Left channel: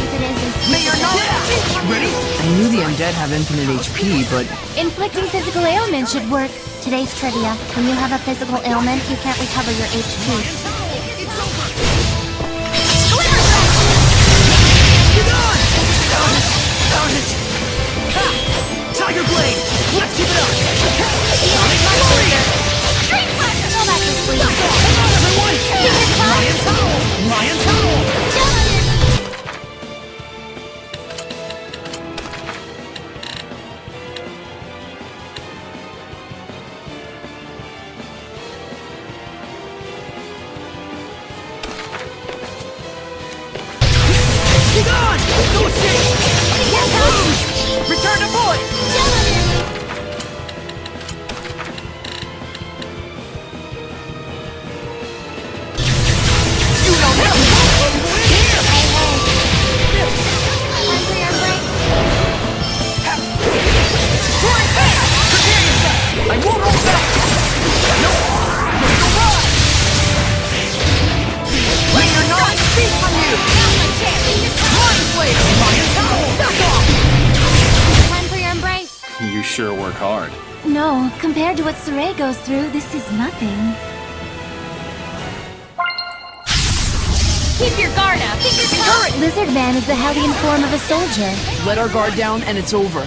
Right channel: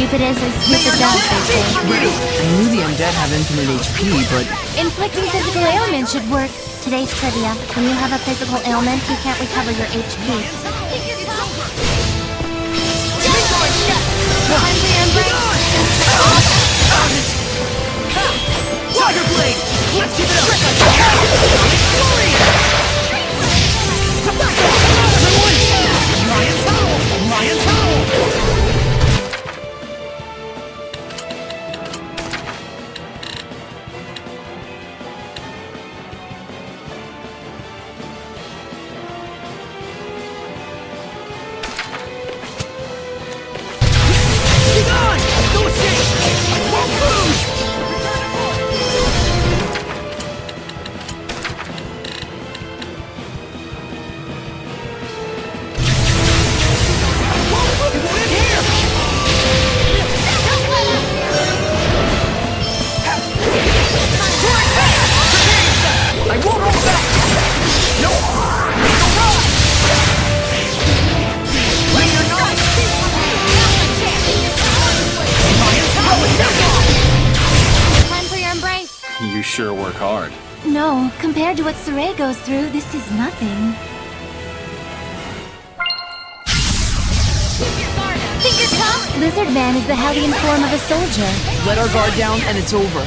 Stupid is as stupid does. Ready? I knew the undead have infinite HP, but... Inflicting physical ailments should work. Today's trivia. When you have a physical ailment, you can't recover your HP. Tiger Blade! Let's keep it up! Sonic Warrior! Come on, everyone! Lion Towel! Lion Towel! Be gone! No escape! Won't lose! Return to void! You know that! It won't in here! sure work hard. No, compared to what Saray goes through, this is nothing. Keep your guard up. Think you're tough. Lizard Man is the Hellion form of a soldier. Let our guard down and it's over.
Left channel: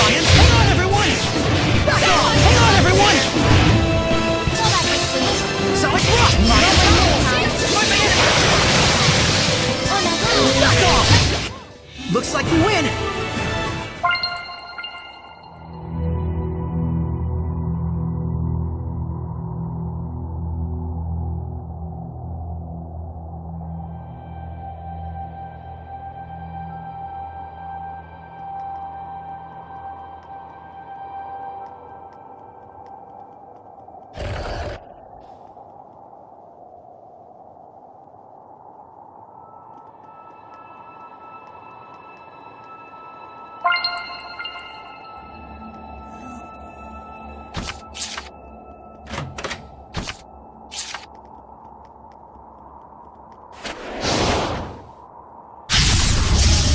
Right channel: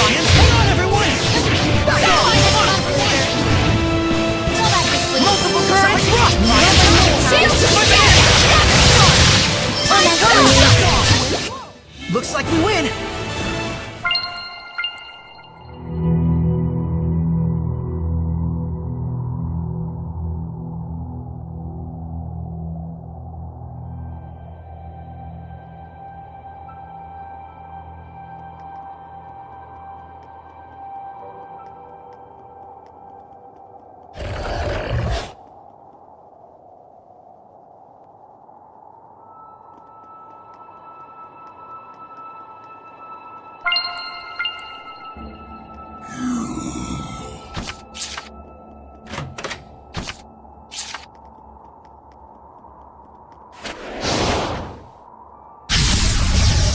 Lions, hang on, everyone! Back off! Hang on, everyone! Fall back to sleep. Solid rock! Lions, shield! Back off! Looks like we win!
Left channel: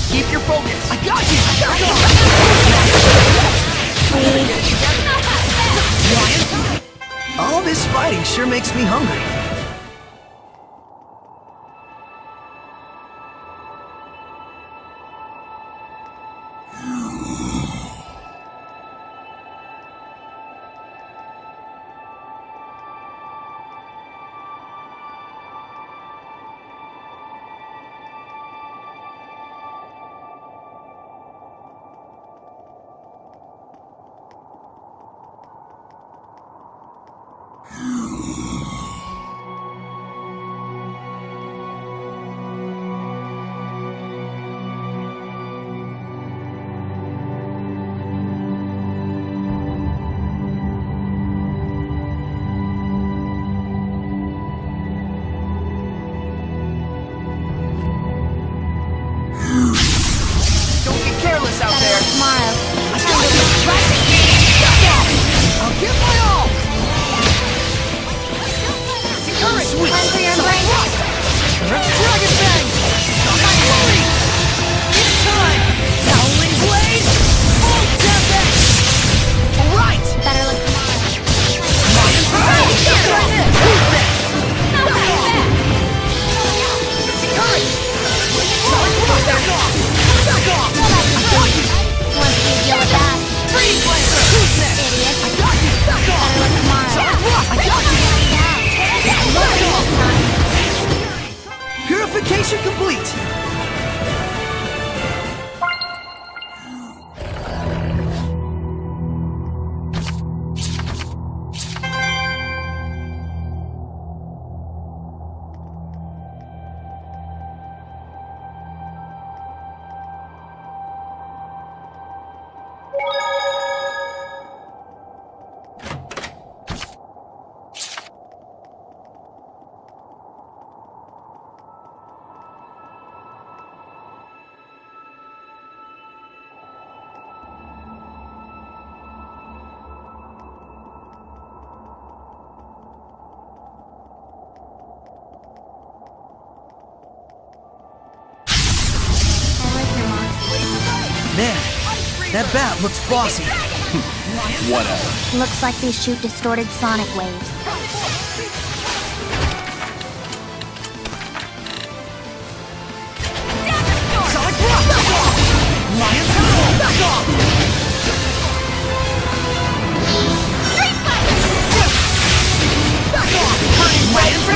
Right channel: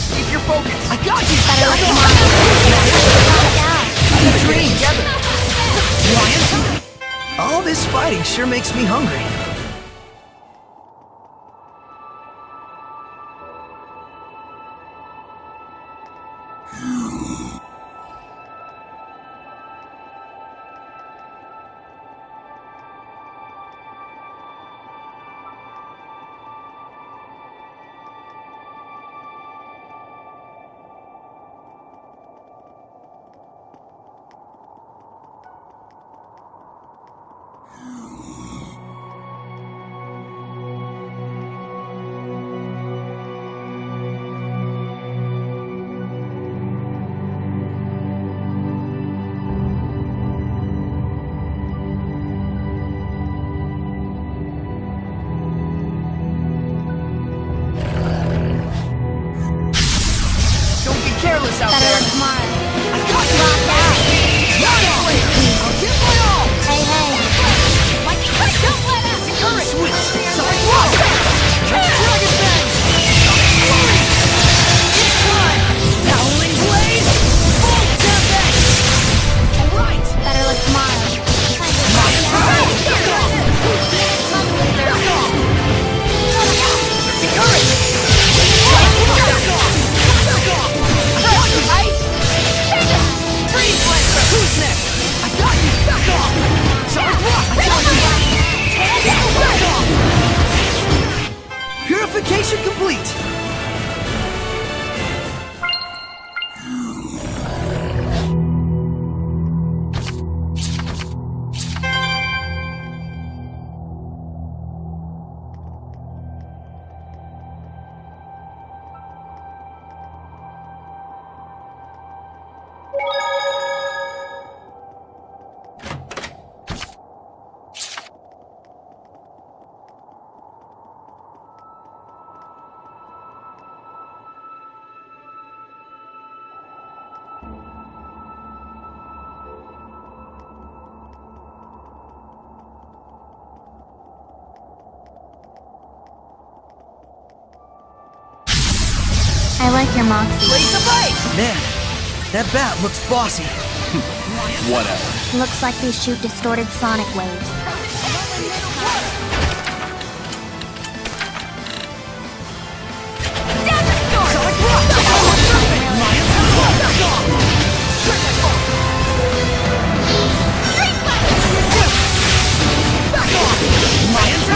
Keep your focus! I got you! Lions? All this fighting sure makes me hungry. Don't get careless out there! Tomorrow. I got you! I'll give my all! Hey, hey. Don't let up! Sweet! Run for your Sonic brain. Rock! Dragon Bang! Sonic Flurry! It's time! Howling Blade! Full Tempest! Alright! Better luck tomorrow. Lion Pride! Back off! Who's next? Back off! Surging Current! Sonic Rock! Back off! Back off! I got you! Freeze Lancer! Who's next? I got you! Back off! Sonic Rock! I got you! Back off! Purification complete! I like your moxie. Man, that bat looks bossy. Whatever. Looks like they shoot distorted sonic waves. Sonic Rock! Back off! Lions, back off! Back off! Lions,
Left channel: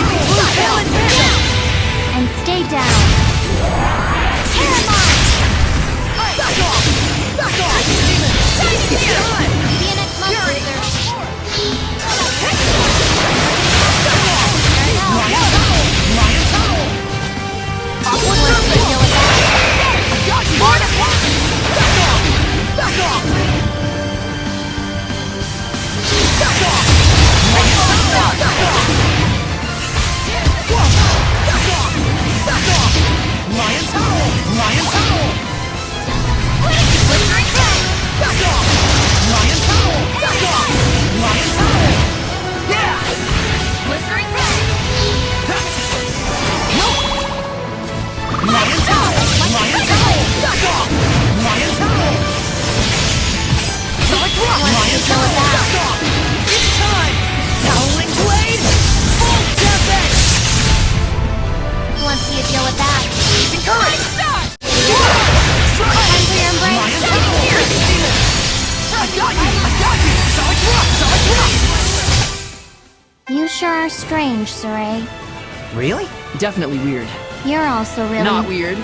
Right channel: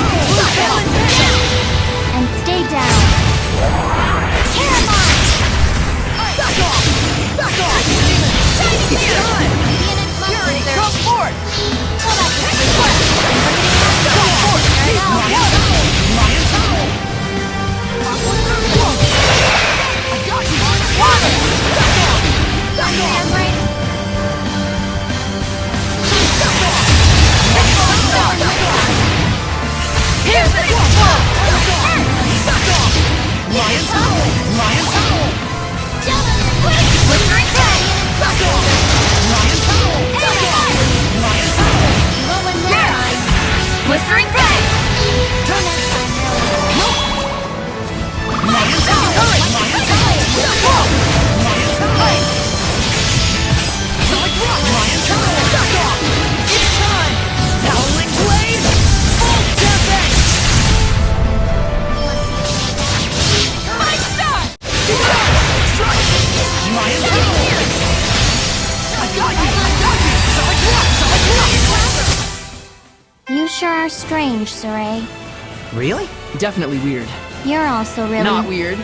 And stay down. Terramon! back off! Back off! It's time! See you next month, Fury, Lizard. come forth! Back rock! Lion's Roar! Back off! It's time! Howling Blade! Full Tempest! Let's see you deal with that. Current! Stop! Lion's Roar! I got you! I got you! Solid rock! Solid rock! You sure are strange, Saray. Really? Definitely weird. You're also really... Not weird.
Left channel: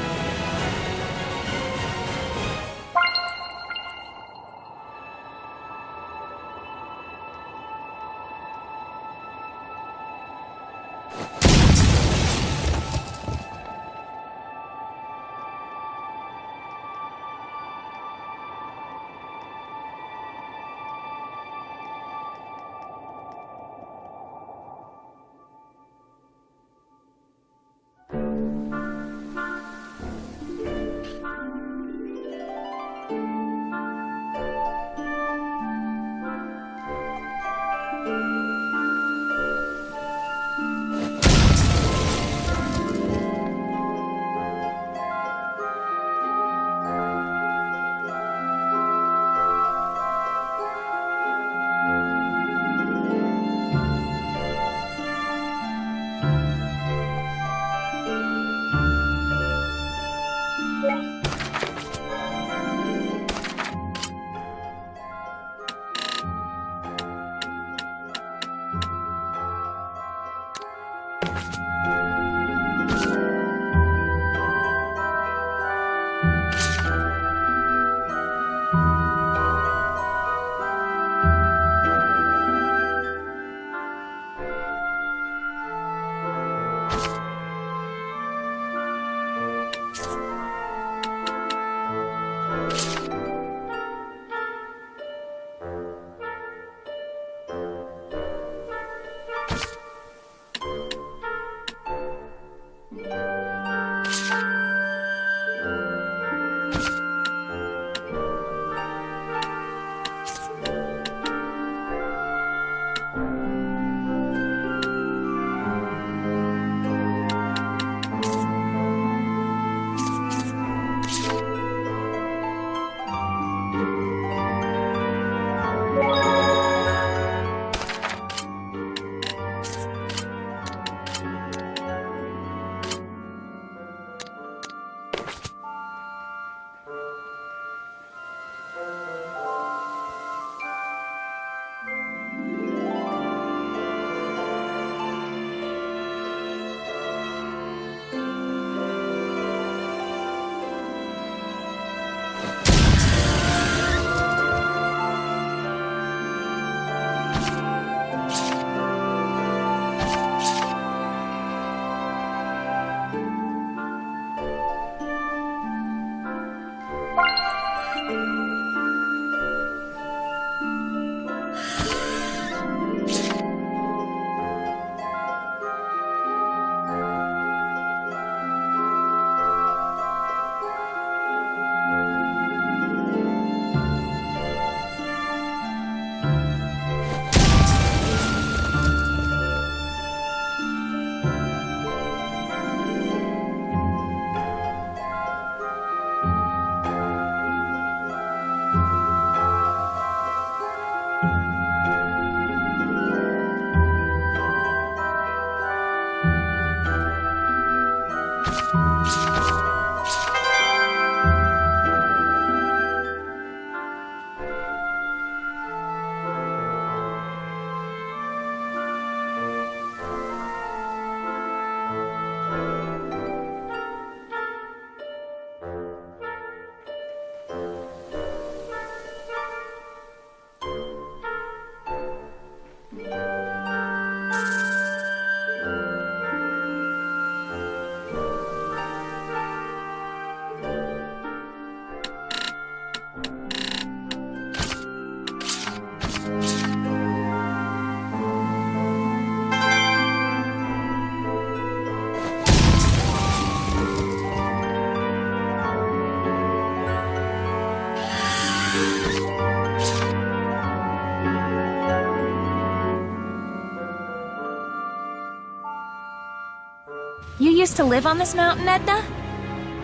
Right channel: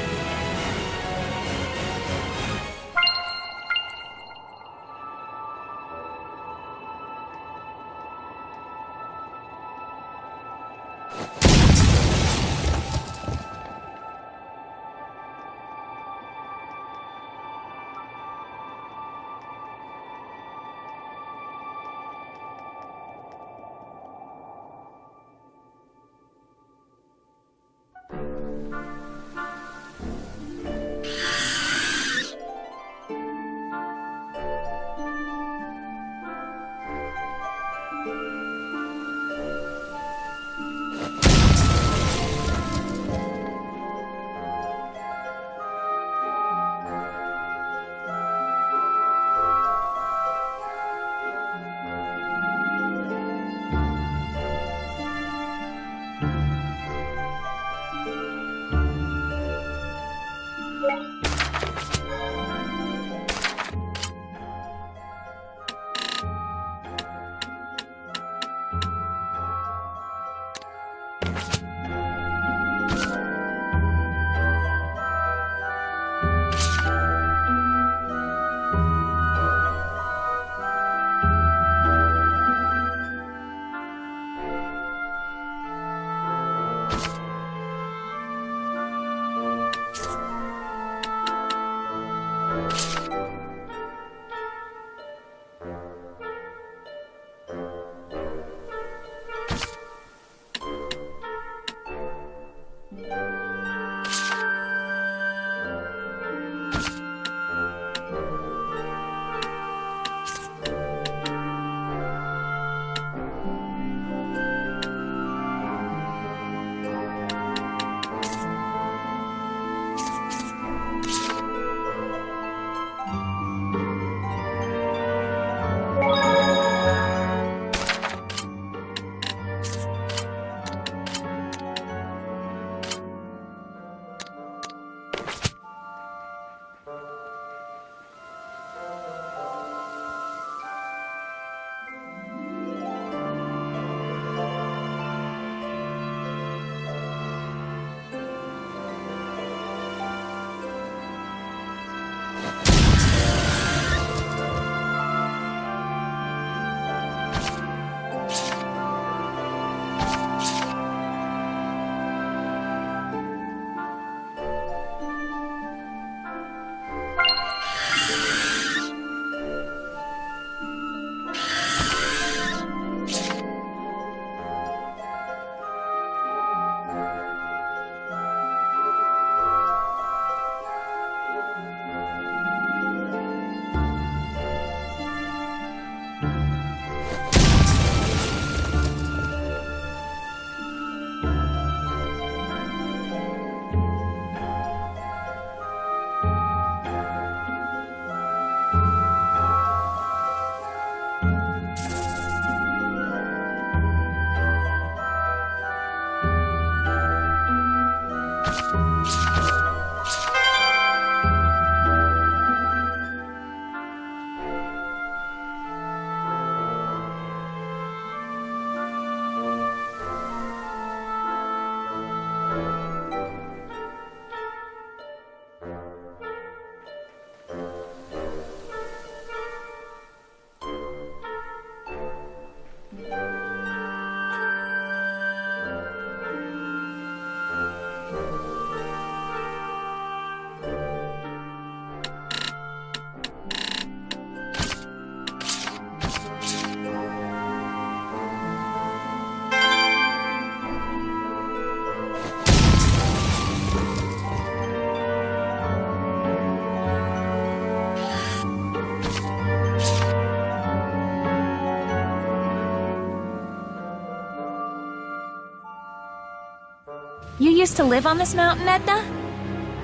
You used to live on this mountain, Edna?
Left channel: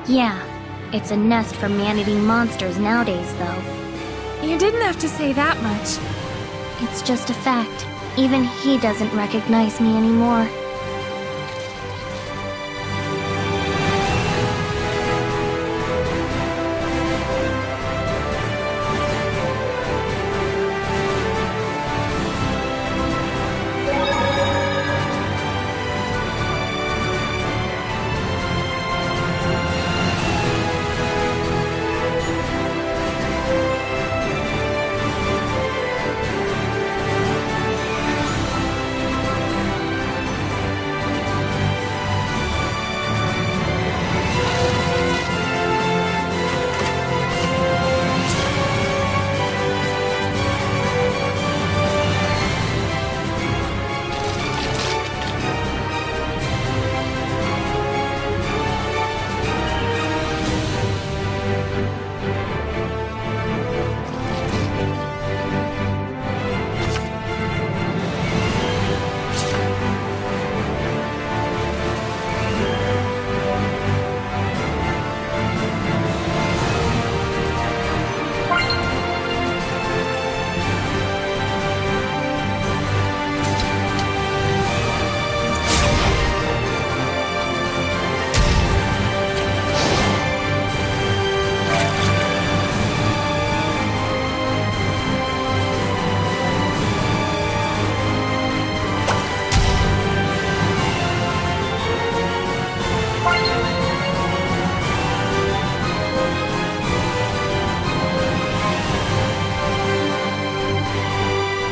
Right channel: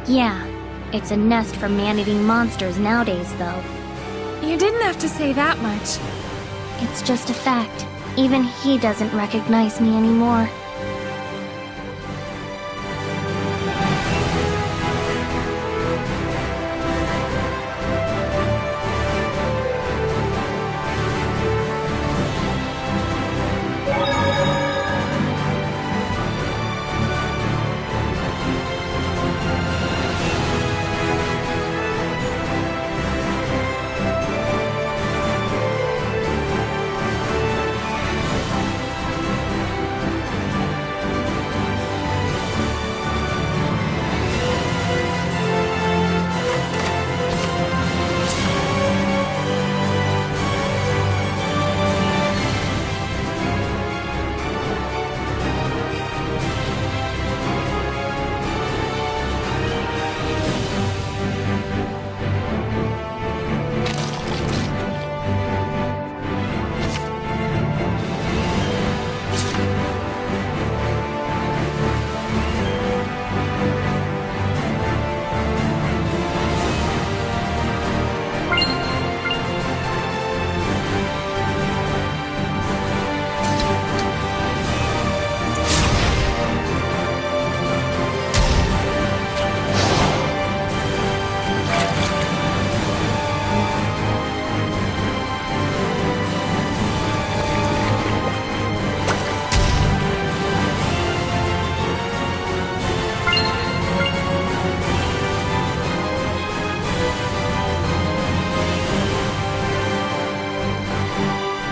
Yeah, it's a nest for man-eating monsters nowadays, though. You didn't have to say that much. It's just a fact. Even he doesn't recognize me anymore.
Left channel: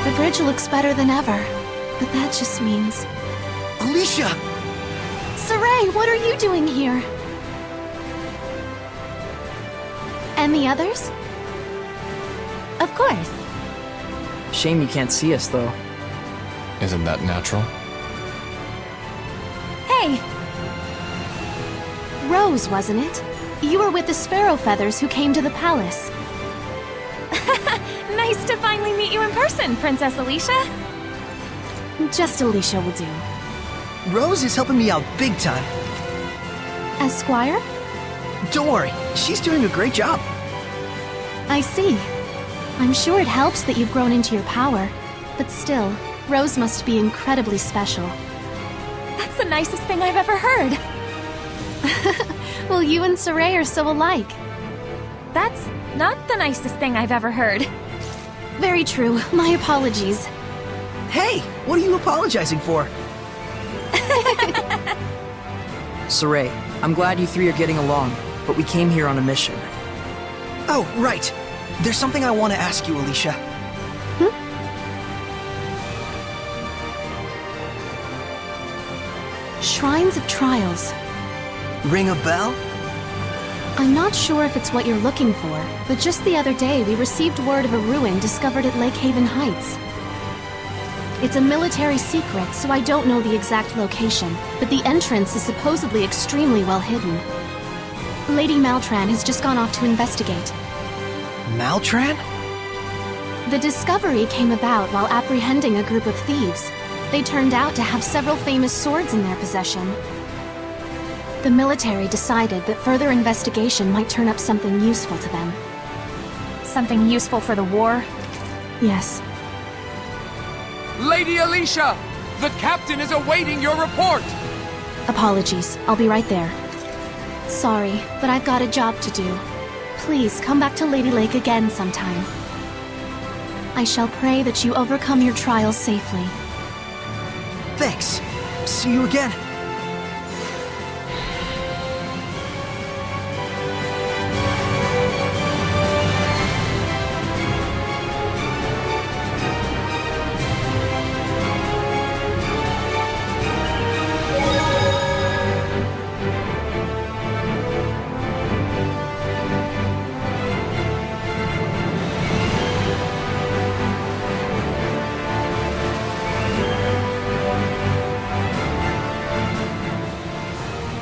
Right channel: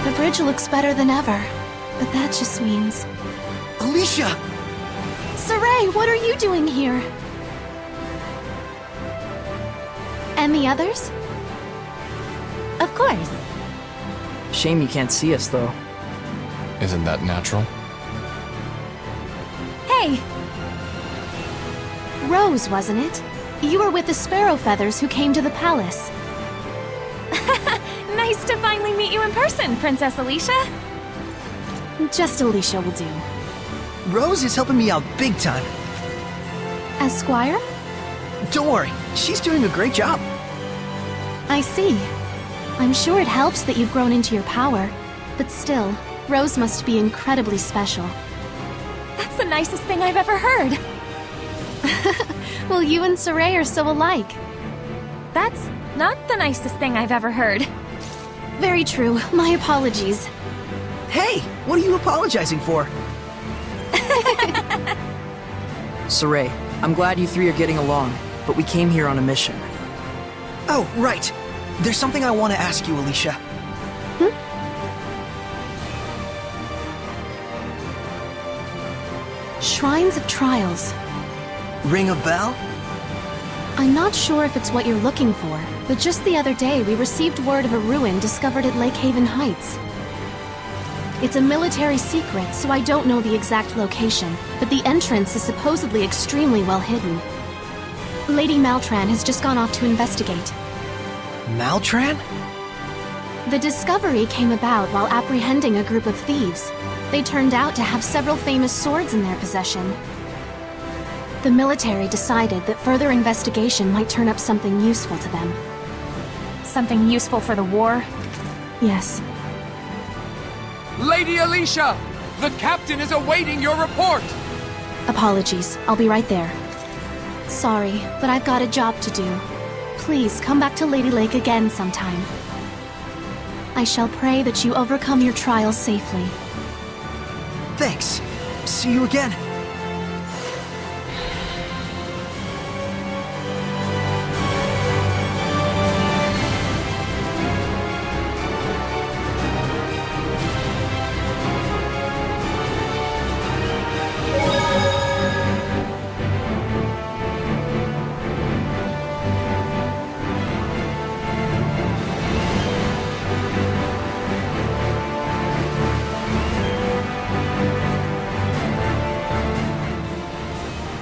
The bridge looks better than ever, but that just means... Alicia! Saray, what are you doing here? And the others? Of course. Shame you can't see us, though. Isn't that natural? Hey! Rose, wasn't it? You were with the Sparrow Feathers who came to the palace. Nice to finally meet you in person, Princess Alicia. Just Alicia will do. Rose is helping me out big time. As Squire? Don't worry, she's doing a great job. I see. I'm sure it helps that you've grown into your power, but still, Rose must be incredibly special. That's the nicest thing I've ever heard. Well, you and Saray are so alike. That's not the nicest thing I've ever heard. Very true. My apologies. Hey, what are you apologizing for? Saray, I'm glad you three are getting along, but we came here on a mission. Oh, right. There's something I want to ask you, Alicia. Shrines of Trials. Ring a bell? I'm not sure if it's what you're looking for, but just the other day we received word of a ruin discovered at Lake Haven Heights. It's a military secret, so I don't know the exact location, but the entrance is supposedly extremely well hidden. Lady Maltran has just gone off to investigate. Maltran? The discovery came about while apprehending a group of thieves. They turned out to have several famous swords in their possession. The military decided that further investigation might turn up something useful to them. Something useful for the war? Yes. Lady Alicia! The captain is awaiting your report! Apologies. I'll be right there. Sorry, but I've got a job to do. Please come back to Lady Lake again sometime. I shall pray that you overcome your trials safely. Thanks. See you again.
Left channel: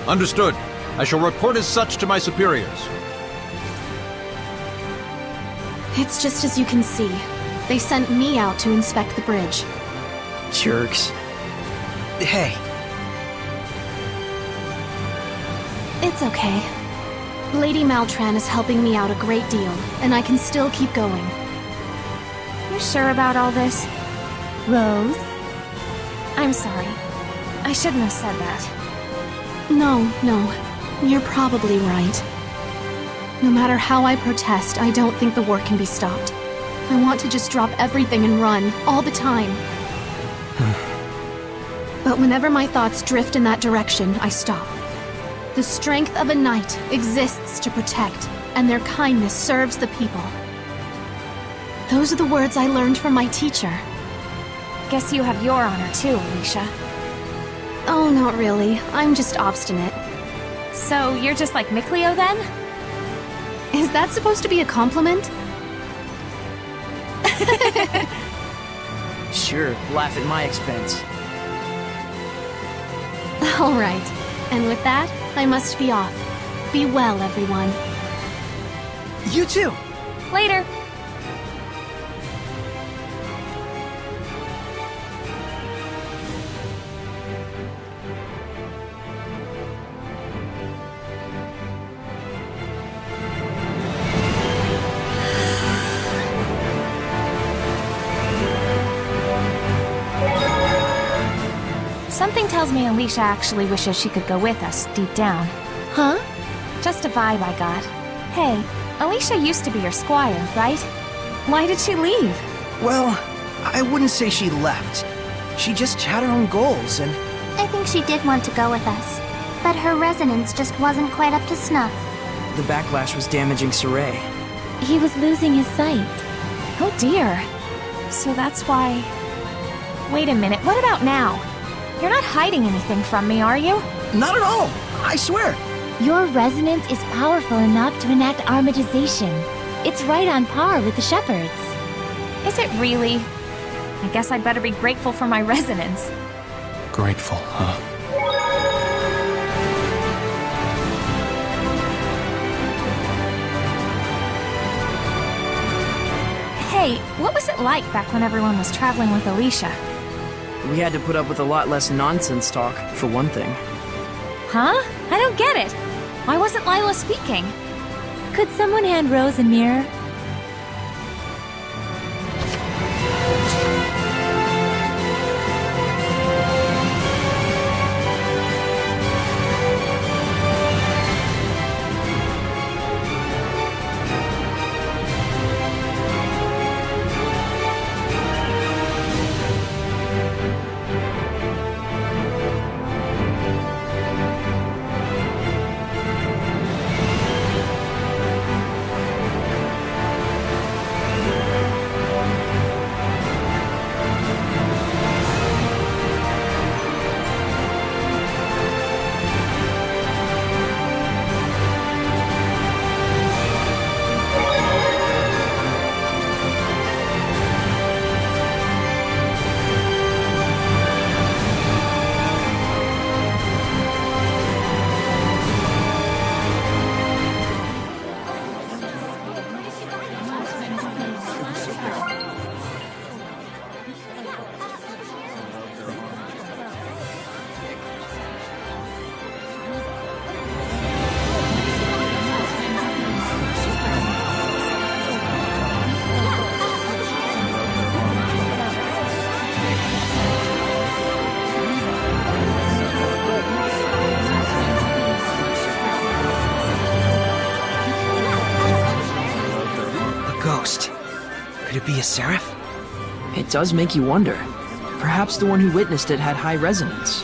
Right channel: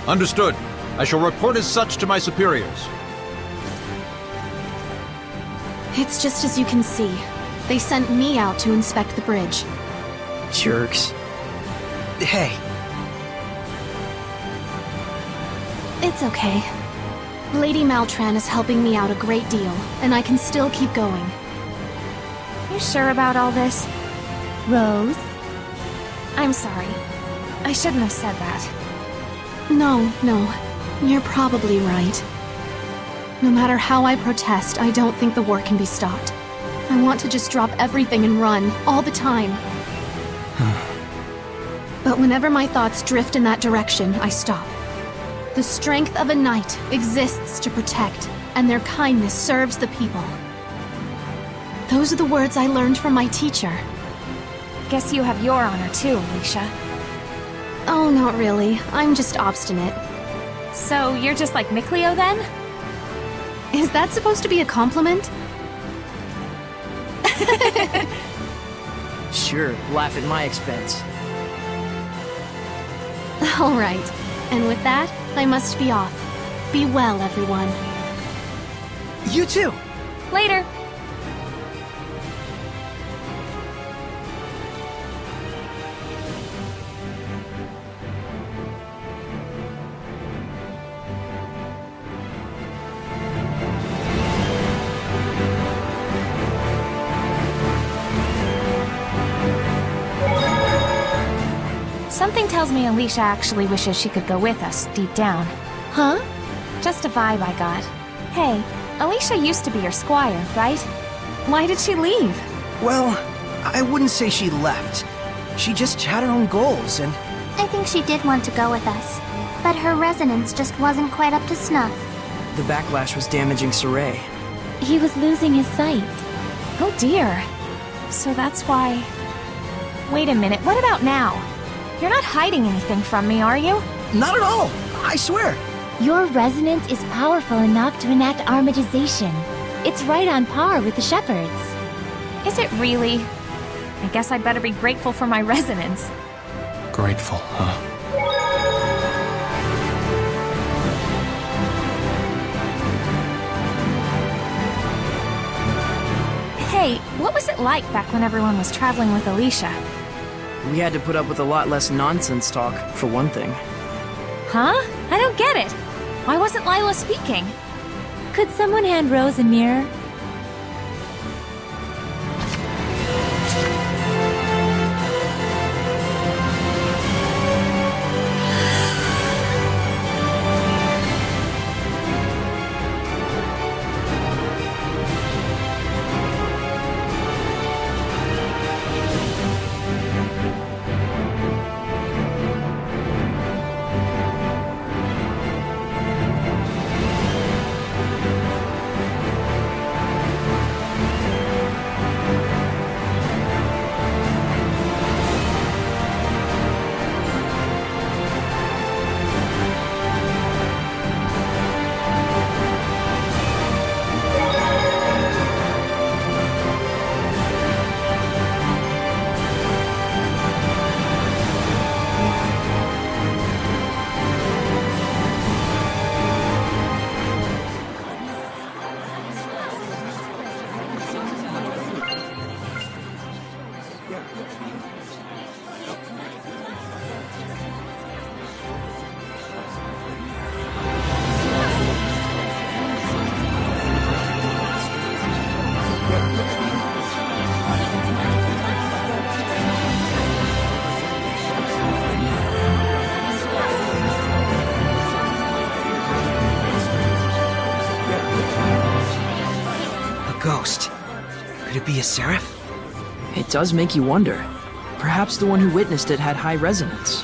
Understood. I shall report as such to my superiors. It's just as you can see. They sent me out to inspect the bridge. Jerks. Hey, It's okay. Lady Maltran is helping me out a great deal, and I can still keep going. You sure about all this? Rose? I'm sorry. I shouldn't have said that. No, you're probably right. No matter how I protest, I don't think the war can be stopped. I want to just drop everything and run, all the time. But whenever my thoughts drift in that direction, I stop. The strength of a knight exists to protect, and their kindness serves the people. Those are the words I learned from my teacher. Guess you have your honor too, Alicia. Oh, not really. I'm just obstinate. So you're just like Mikleo then? Is that supposed to be a compliment? Sure, laugh at my expense. All right. And with that, I must be off. Be well, everyone. You too! Later. Something tells me Alicia actually wishes she could go with us, deep down. Huh? Just a vibe I got. Hey, Alicia used to be your squire, right? Why did she leave? Well, I wouldn't say she left. She just had her own goals, and I think she did want to go with us, but her resonance just wasn't quite up to snuff. The backlash was damaging Saray. He was losing his sight. Oh dear. So that's why... Wait a minute, what about now? You're not hiding anything from me, are you? not at all! I swear! Your resonance is powerful enough to enact armatization. It's right on par with the Shepherds. Is it really? I guess I'd better be grateful for my resonance. Grateful, huh? Hey, what was it like back when everyone was traveling with Alicia? We had to put up with a lot less nonsense talk, for one thing. Huh? I don't get it. Why wasn't Lila speaking? Could someone hand Rose a mirror? Ghost. Could it be a seraph? It does make you wonder. Perhaps the one who witnessed it had high resonance.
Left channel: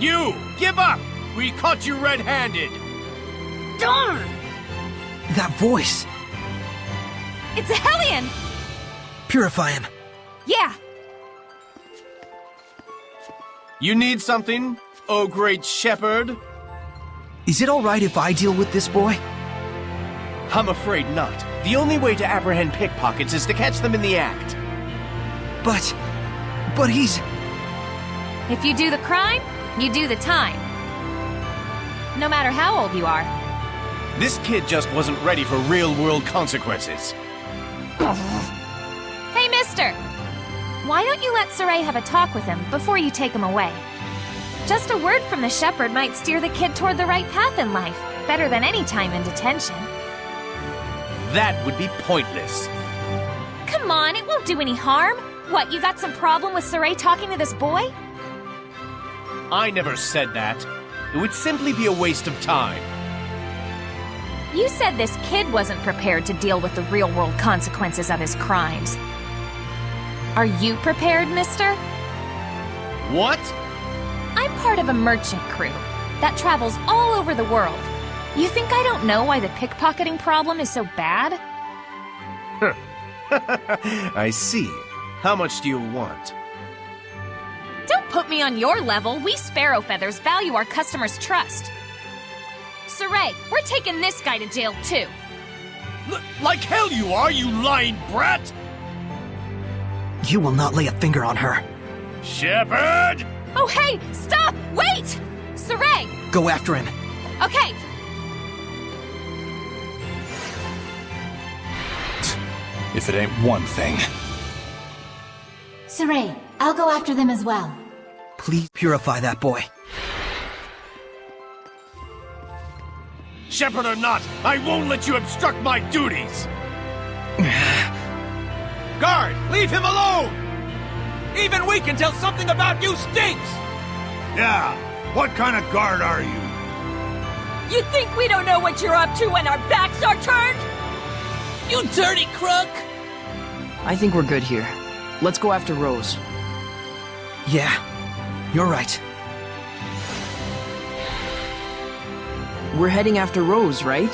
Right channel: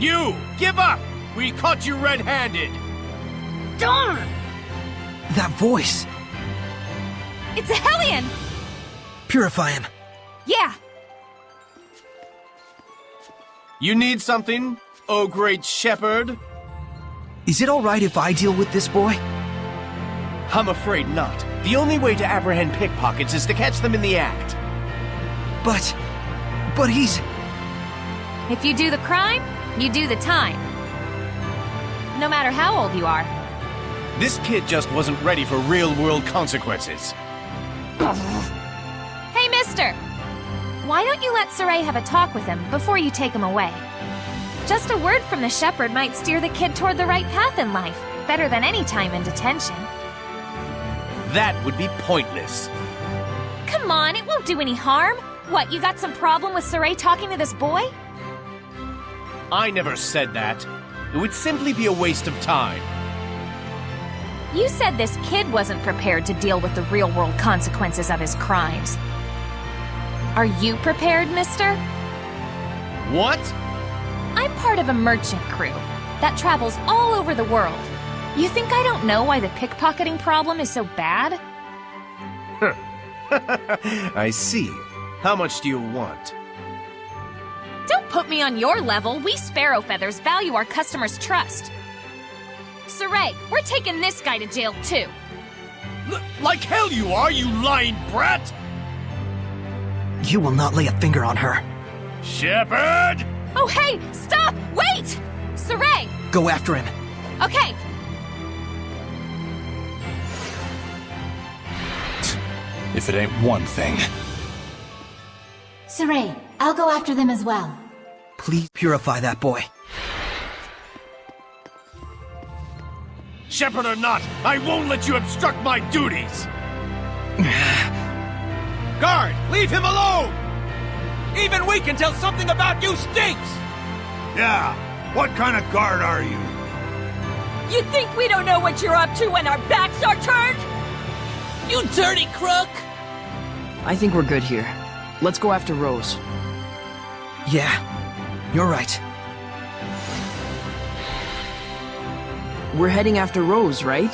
You! Give up! We caught you red-handed! Darn! That voice! It's a Hellion! Purify him. Yeah. You need something, oh great shepherd? Is it alright if I deal with this boy? I'm afraid not. The only way to apprehend pickpockets is to catch them in the act. But he's... If you do the crime, you do the time. No matter how old you are. This kid just wasn't ready for real-world consequences. Hey, mister! Why don't you let Saray have a talk with him before you take him away? Just a word from the shepherd might steer the kid toward the right path in life, better than any time in detention. That would be pointless. Come on, it won't do any harm. What, you got some problem with Saray talking to this boy? I never said that. It would simply be a waste of time. You said this kid wasn't prepared to deal with the real-world consequences of his crimes. Are you prepared, mister? What? I'm part of a merchant crew that travels all over the world. You think I don't know why the pickpocketing problem is so bad? I see. How much do you want? Don't put me on your level. We Sparrow Feathers value our customers' trust. Saray, we're taking this guy to jail too. Like hell you are, you lying brat! You will not lay a finger on her. Shepherd! Oh hey, stop! Wait! Saray! Go after him. Okay. If it ain't one thing. Saray, I'll go after them as well. Please purify that boy. Shepherd or not, I won't let you obstruct my duties! Guard, leave him alone! Even we can tell something about you stinks! Yeah, what kind of guard are you? You think we don't know what you're up to when our backs are turned? You dirty crook! I think we're good here. Let's go after Rose. Yeah, you're right. We're heading after Rose, right?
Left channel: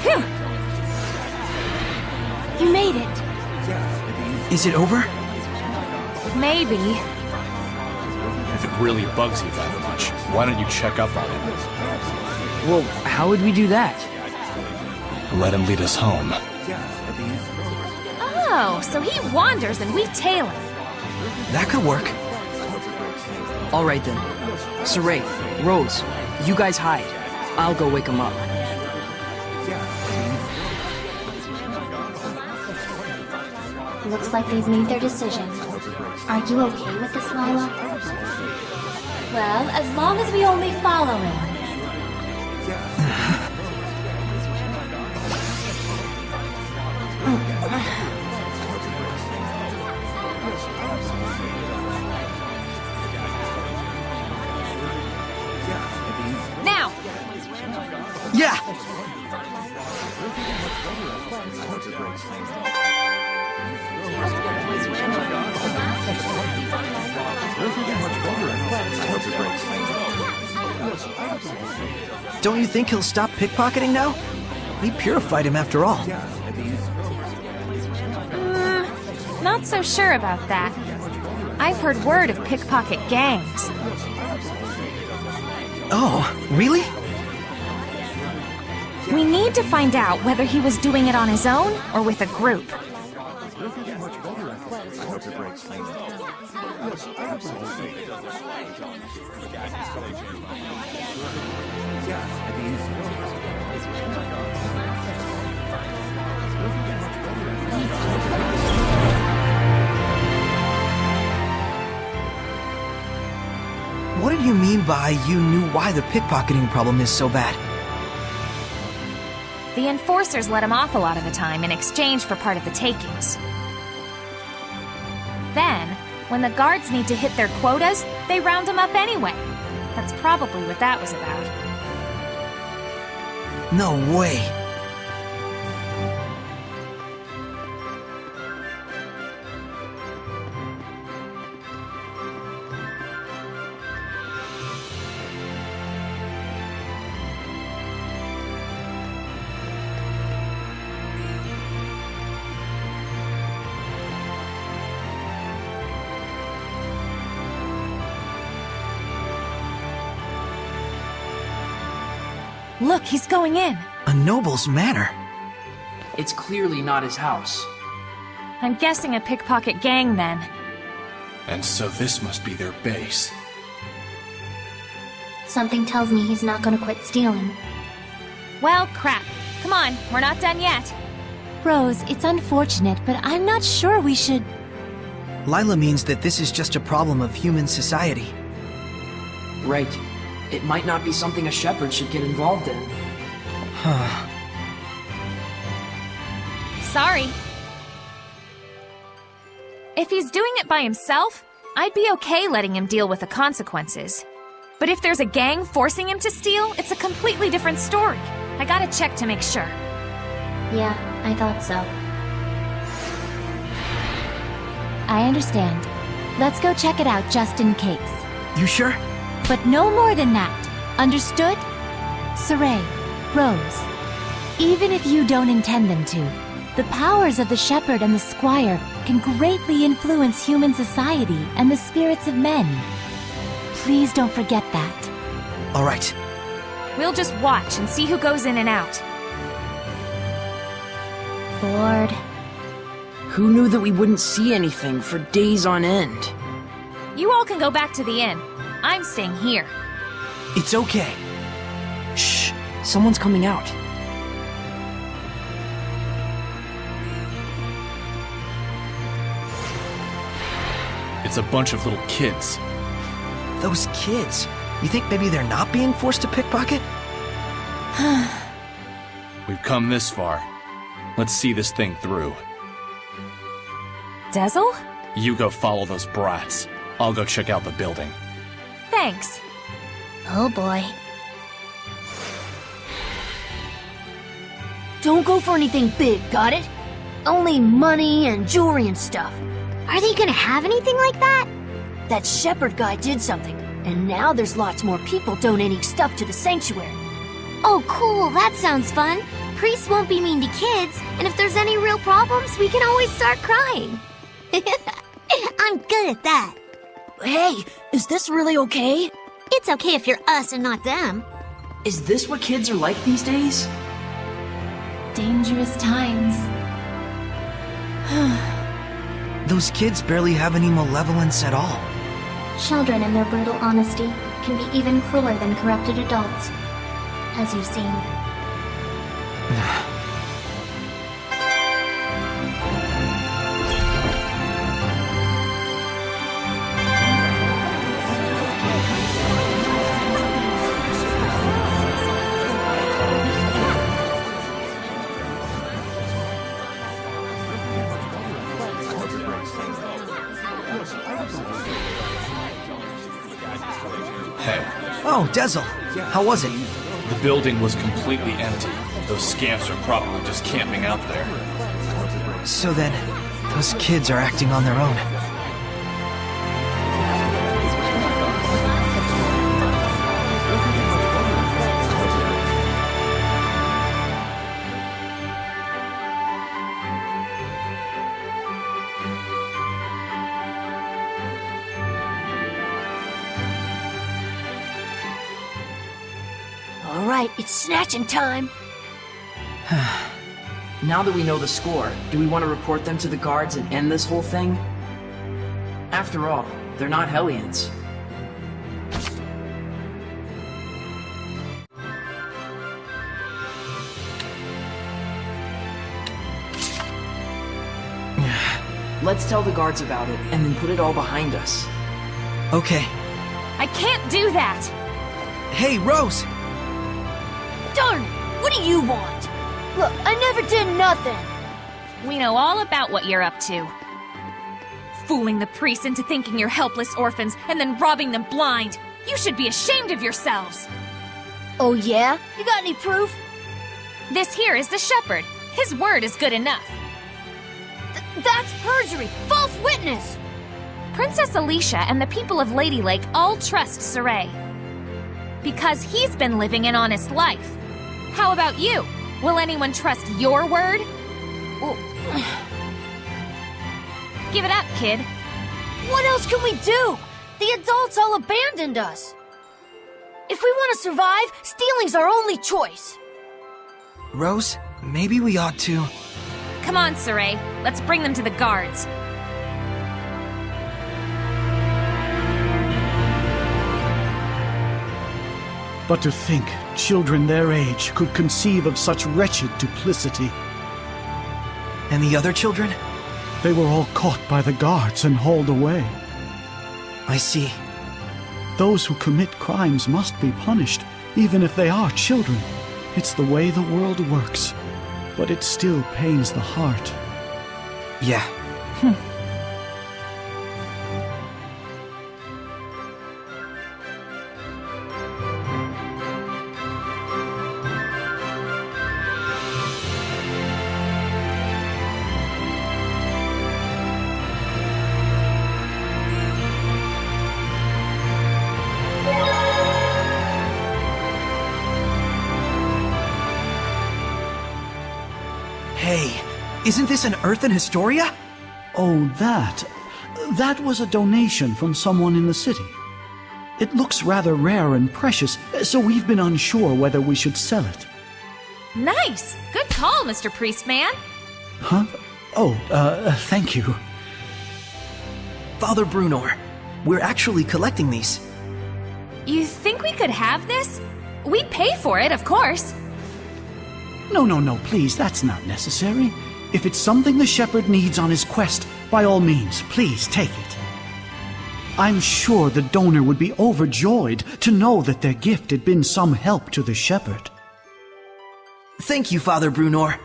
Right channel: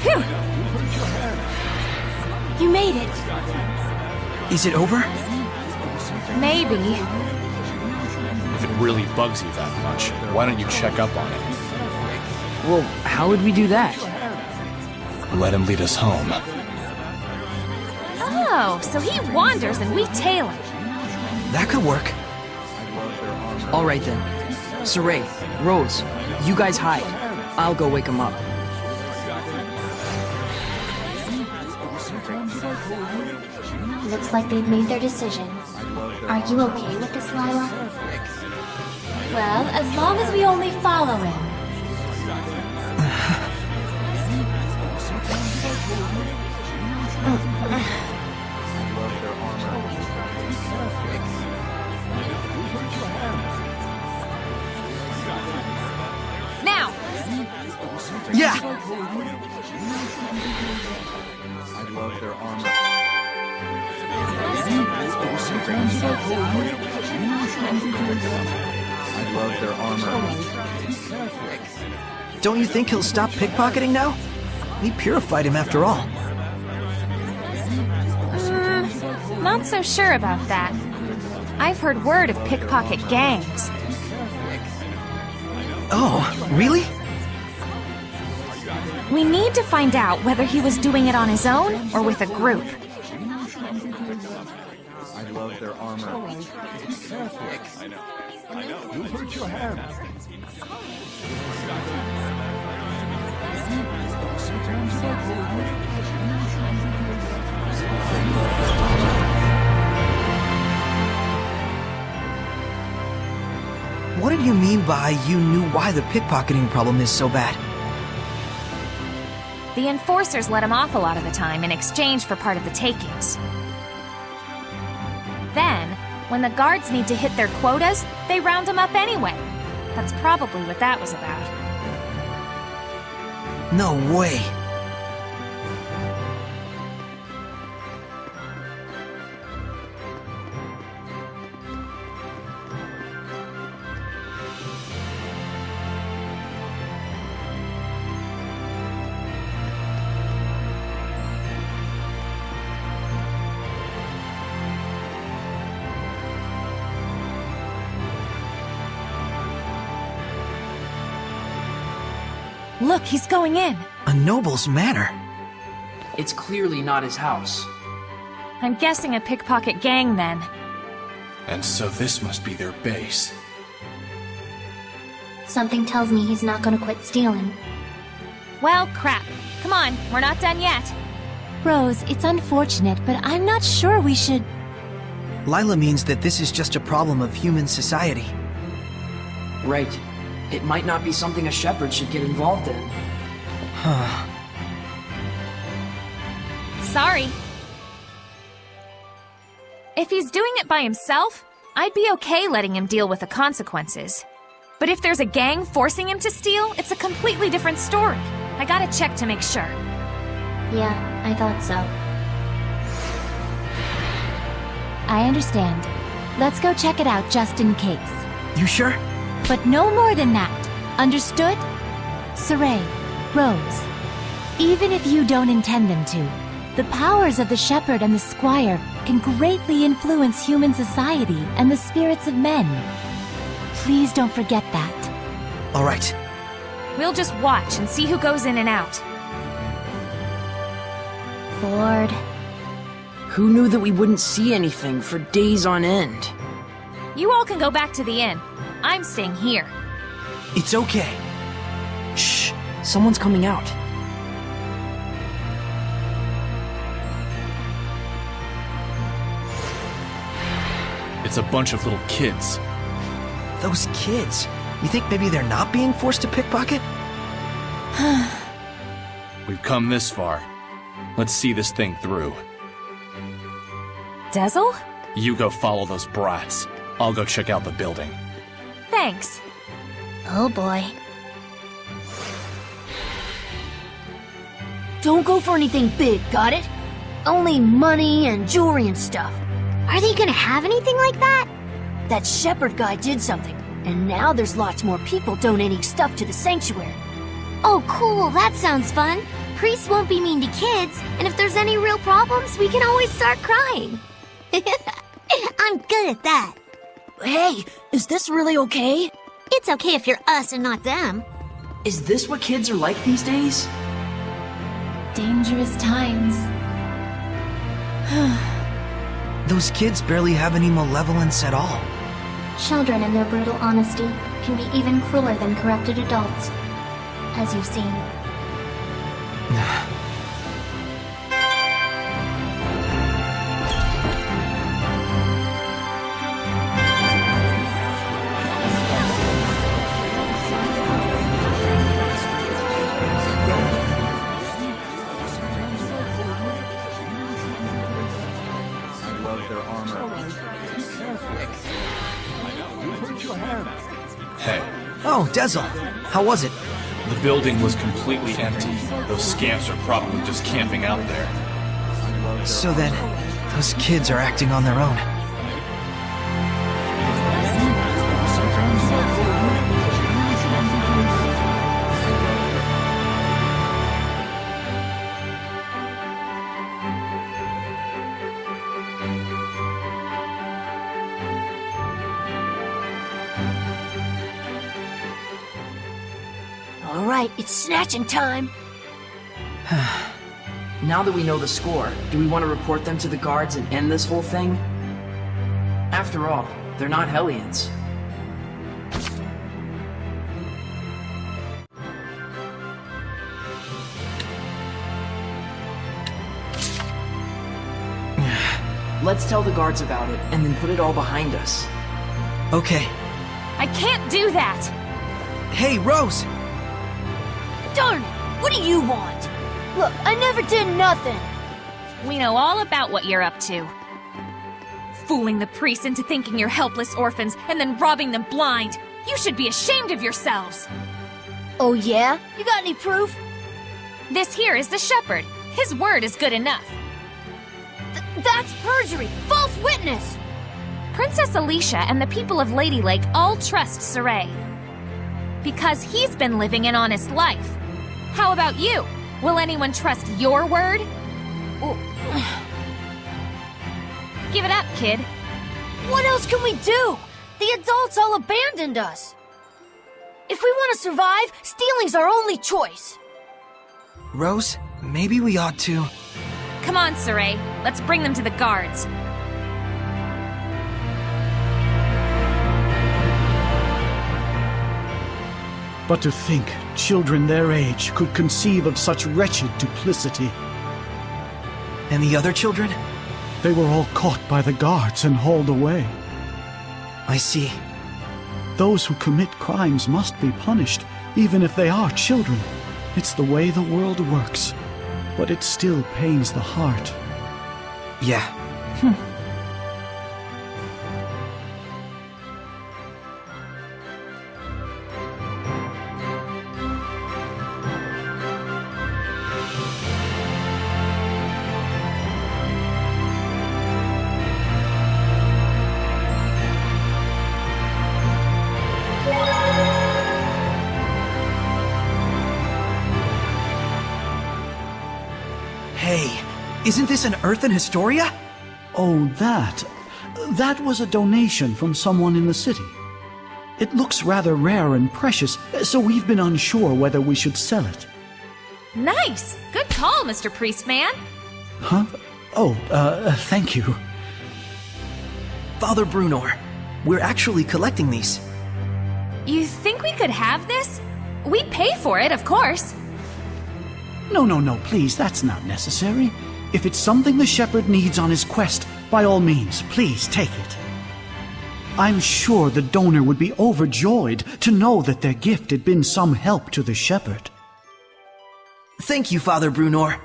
Phew! You made it. Is it over? Maybe. If it really bugs you that much, why don't you check up on him? Well, how would we do that? Let him lead us home. Oh, so he wanders and we tail him. That could work. All right then. Saray, Rose, you guys hide. I'll go wake him up. Looks like they've made their decision. Are you okay with this, Lila? Well, as long as we only follow him. Now! Yeah! Don't you think he'll stop pickpocketing now? We purified him after all. Not so sure about that. I've heard word of pickpocket gangs. Oh, really? We need to find out whether he was doing it on his own or with a group. What did you mean by you knew why the pickpocketing problem is so bad? The enforcers let him off a lot of the time in exchange for part of the takings. Then, when the guards need to hit their quotas, they round him up anyway. That's probably what that was about. No way. Look, he's going in. A noble's manor. It's clearly not his house. I'm guessing a pickpocket gang then. And so this must be their base. Something tells me he's not gonna quit stealing. Well, crap. Come on, we're not done yet. Rose, it's unfortunate, but I'm not sure we should... Lila means that this is just a problem of human society. Right. It might not be something a shepherd should get involved in. Huh. Sorry. If he's doing it by himself, I'd be okay letting him deal with the consequences. But if there's a gang forcing him to steal, it's a completely different story. I gotta check to make sure. Yeah, I thought so. I understand. Let's go check it out just in case. You sure? But no more than that. Understood? Saray, Rose, even if you don't intend them to, the powers of the shepherd and the squire can greatly influence human society and the spirits of men. Please don't forget that. All right. We'll just watch and see who goes in and out. Bored. Who knew that we wouldn't see anything for days on end? You all can go back to the inn. I'm staying here. It's okay. Shh. Someone's coming out. It's a bunch of little kids. Those kids. You think maybe they're not being forced to pickpocket? We've come this far. Let's see this thing through. Dezel? You go follow those brats. I'll go check out the building. Thanks. Oh boy. Don't go for anything big, got it? Only money and jewelry and stuff. Are they gonna have anything like that? That shepherd guy did something, and now there's lots more people donating stuff to the sanctuary. Oh cool, that sounds fun. Priests won't be mean to kids, and if there's any real problems, we can always start crying. I'm good at that. Hey, is this really okay? It's okay if you're us and not them. Is this what kids are like these days? Dangerous times. Those kids barely have any malevolence at all. Children in their brutal honesty can be even crueler than corrupted adults, as you've seen. Hey, Oh, Dezel. How was it? the building was completely empty. Those scamps are probably just camping out there. So then, those kids are acting on their own. Alright, it's snatching time. Now that we know the score, do we want to report them to the guards and end this whole thing? After all, they're not Hellions. Let's tell the guards about it, and then put it all behind us. Okay. I can't do that! Hey, Rose! Darn it! What do you want? Look, I never did nothing. We know all about what you're up to. Fooling the priests into thinking you're helpless orphans and then robbing them blind. You should be ashamed of yourselves. Oh yeah? You got any proof? This here is the shepherd. His word is good enough. That's perjury! False witness! Princess Alicia and the people of Lady Lake all trust Saray. Because he's been living an honest life. How about you? Will anyone trust your word? Give it up, kid. What else can we do? The adults all abandoned us. If we want to survive, stealing's our only choice. Rose, maybe we ought to... Come on, Saray. Let's bring them to the guards. But to think children their age could conceive of such wretched duplicity. And the other children? They were all caught by the guards and hauled away. I see. Those who commit crimes must be punished, even if they are children. It's the way the world works. But it still pains the heart. Yeah. Hey, isn't this an Earth in Historia? Oh, that. That was a donation from someone in the city. It looks rather rare and precious, so we've been unsure whether we should sell it. Nice! Good call, Mr. Priestman. Huh? Oh, thank you. Father Brunor, we're actually collecting these. You think we could have this? We'd pay for it, of course. No, please, that's not necessary. If it's something the shepherd needs on his quest, by all means, please take it. I'm sure the donor would be overjoyed to know that their gift had been some help to the shepherd. Thank you, Father Brunor.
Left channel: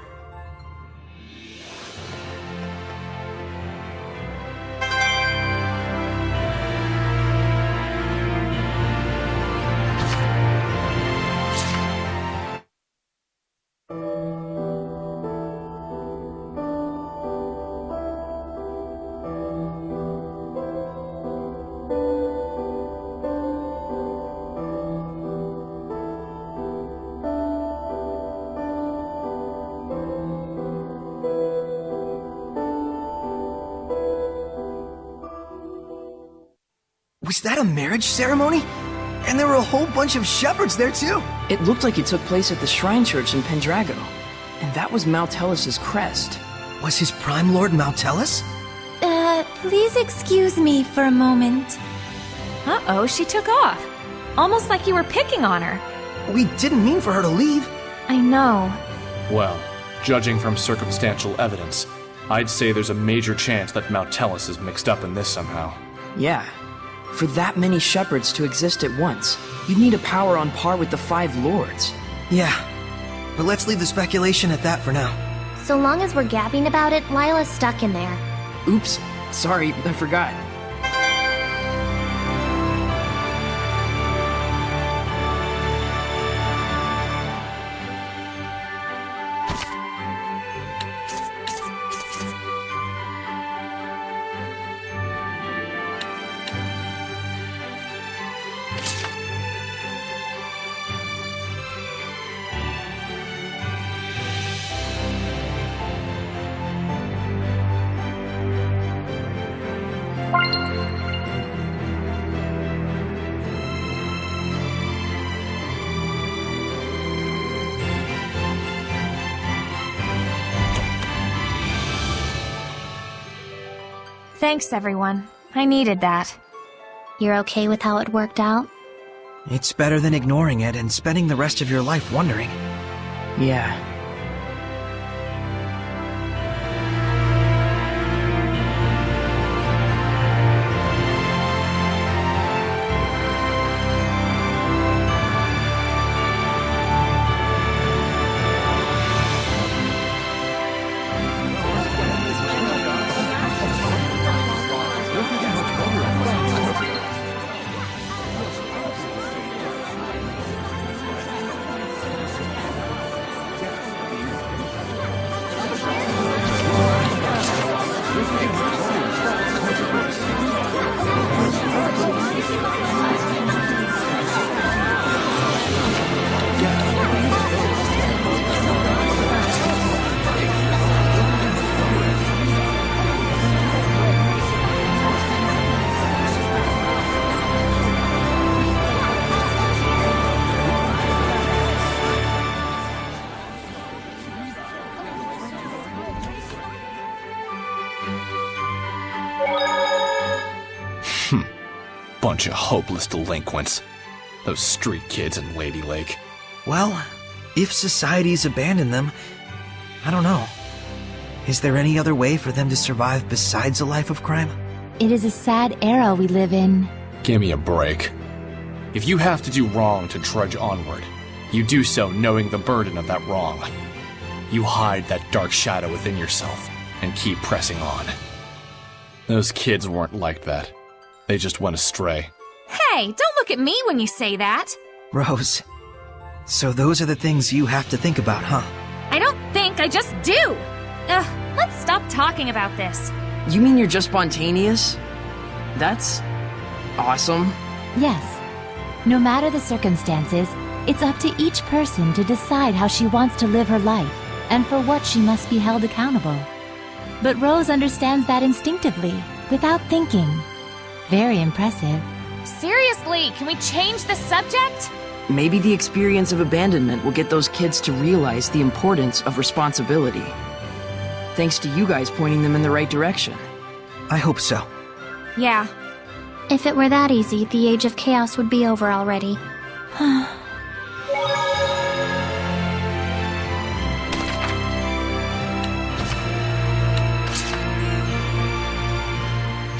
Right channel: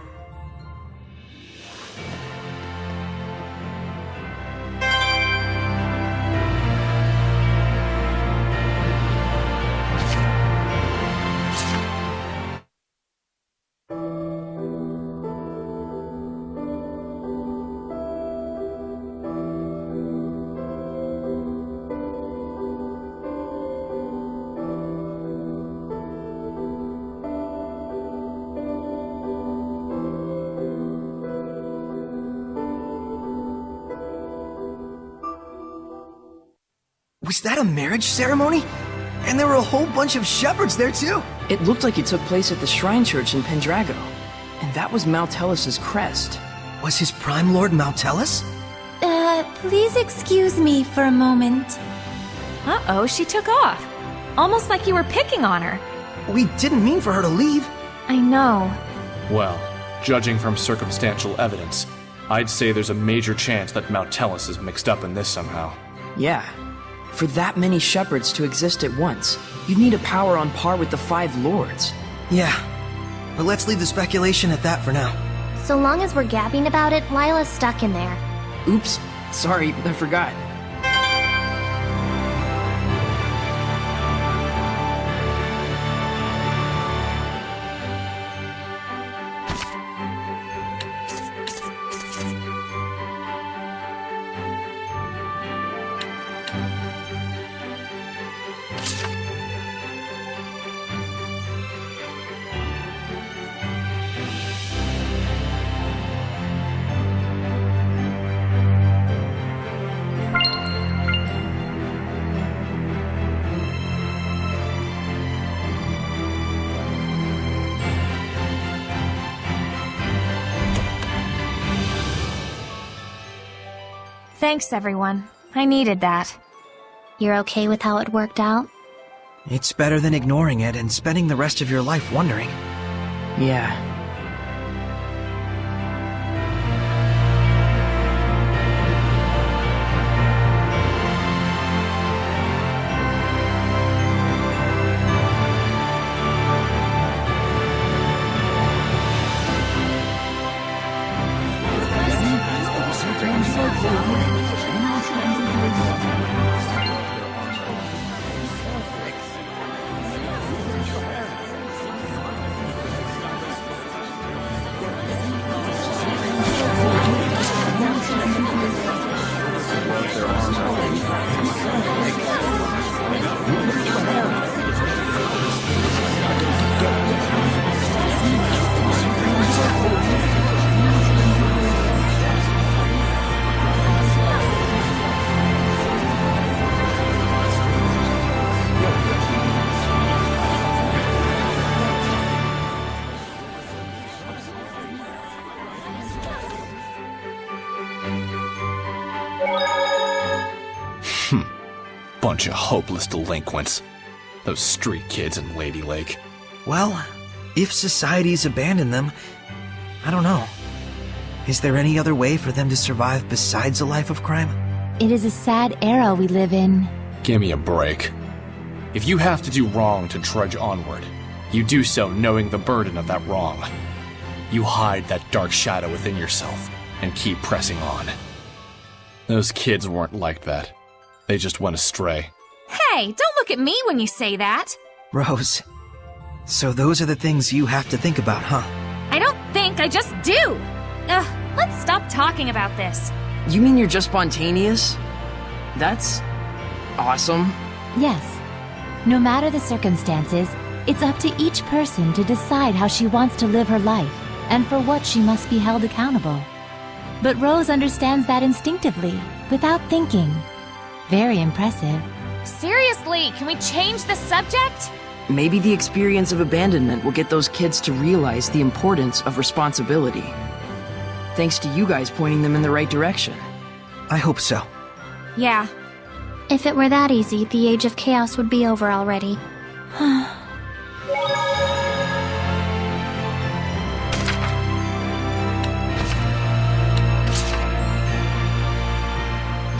Was that a marriage ceremony? And there were a whole bunch of shepherds there too! It looked like it took place at the Shrine Church in Pendrago. And that was Moutellus's crest. Was his Prime Lord Moutelus? Please excuse me for a moment. Uh-oh, she took off. Almost like you were picking on her. We didn't mean for her to leave. I know. Well, judging from circumstantial evidence, I'd say there's a major chance that Moutelus is mixed up in this somehow. Yeah. For that many shepherds to exist at once, you'd need a power on par with the 5 lords. Yeah. But let's leave the speculation at that for now. So long as we're gabbing about it, Lila's stuck in there. Oops. Sorry, I forgot. Thanks, everyone. I needed that. You're okay with how it worked out? It's better than ignoring it and spending the rest of your life wondering. Yeah. Bunch of hopeless delinquents. Those street kids in Lady Lake. Well, if society's abandoned them, I don't know. Is there any other way for them to survive besides a life of crime? It is a sad era we live in. Give me a break. If you have to do wrong to trudge onward, you do so knowing the burden of that wrong. You hide that dark shadow within yourself and keep pressing on. Those kids weren't like that. They just went astray. Hey, don't look at me when you say that. Rose, so those are the things you have to think about, huh? I don't think, I just do. Ugh, let's stop talking about this. You mean you're just spontaneous? That's awesome. Yes. No matter the circumstances, it's up to each person to decide how she wants to live her life and for what she must be held accountable. But Rose understands that instinctively, without thinking. Very impressive. Seriously, can we change the subject? Maybe the experience of abandonment will get those kids to realize the importance of responsibility. Thanks to you guys pointing them in the right direction. I hope so. Yeah. If it were that easy, the Age of Chaos would be over already.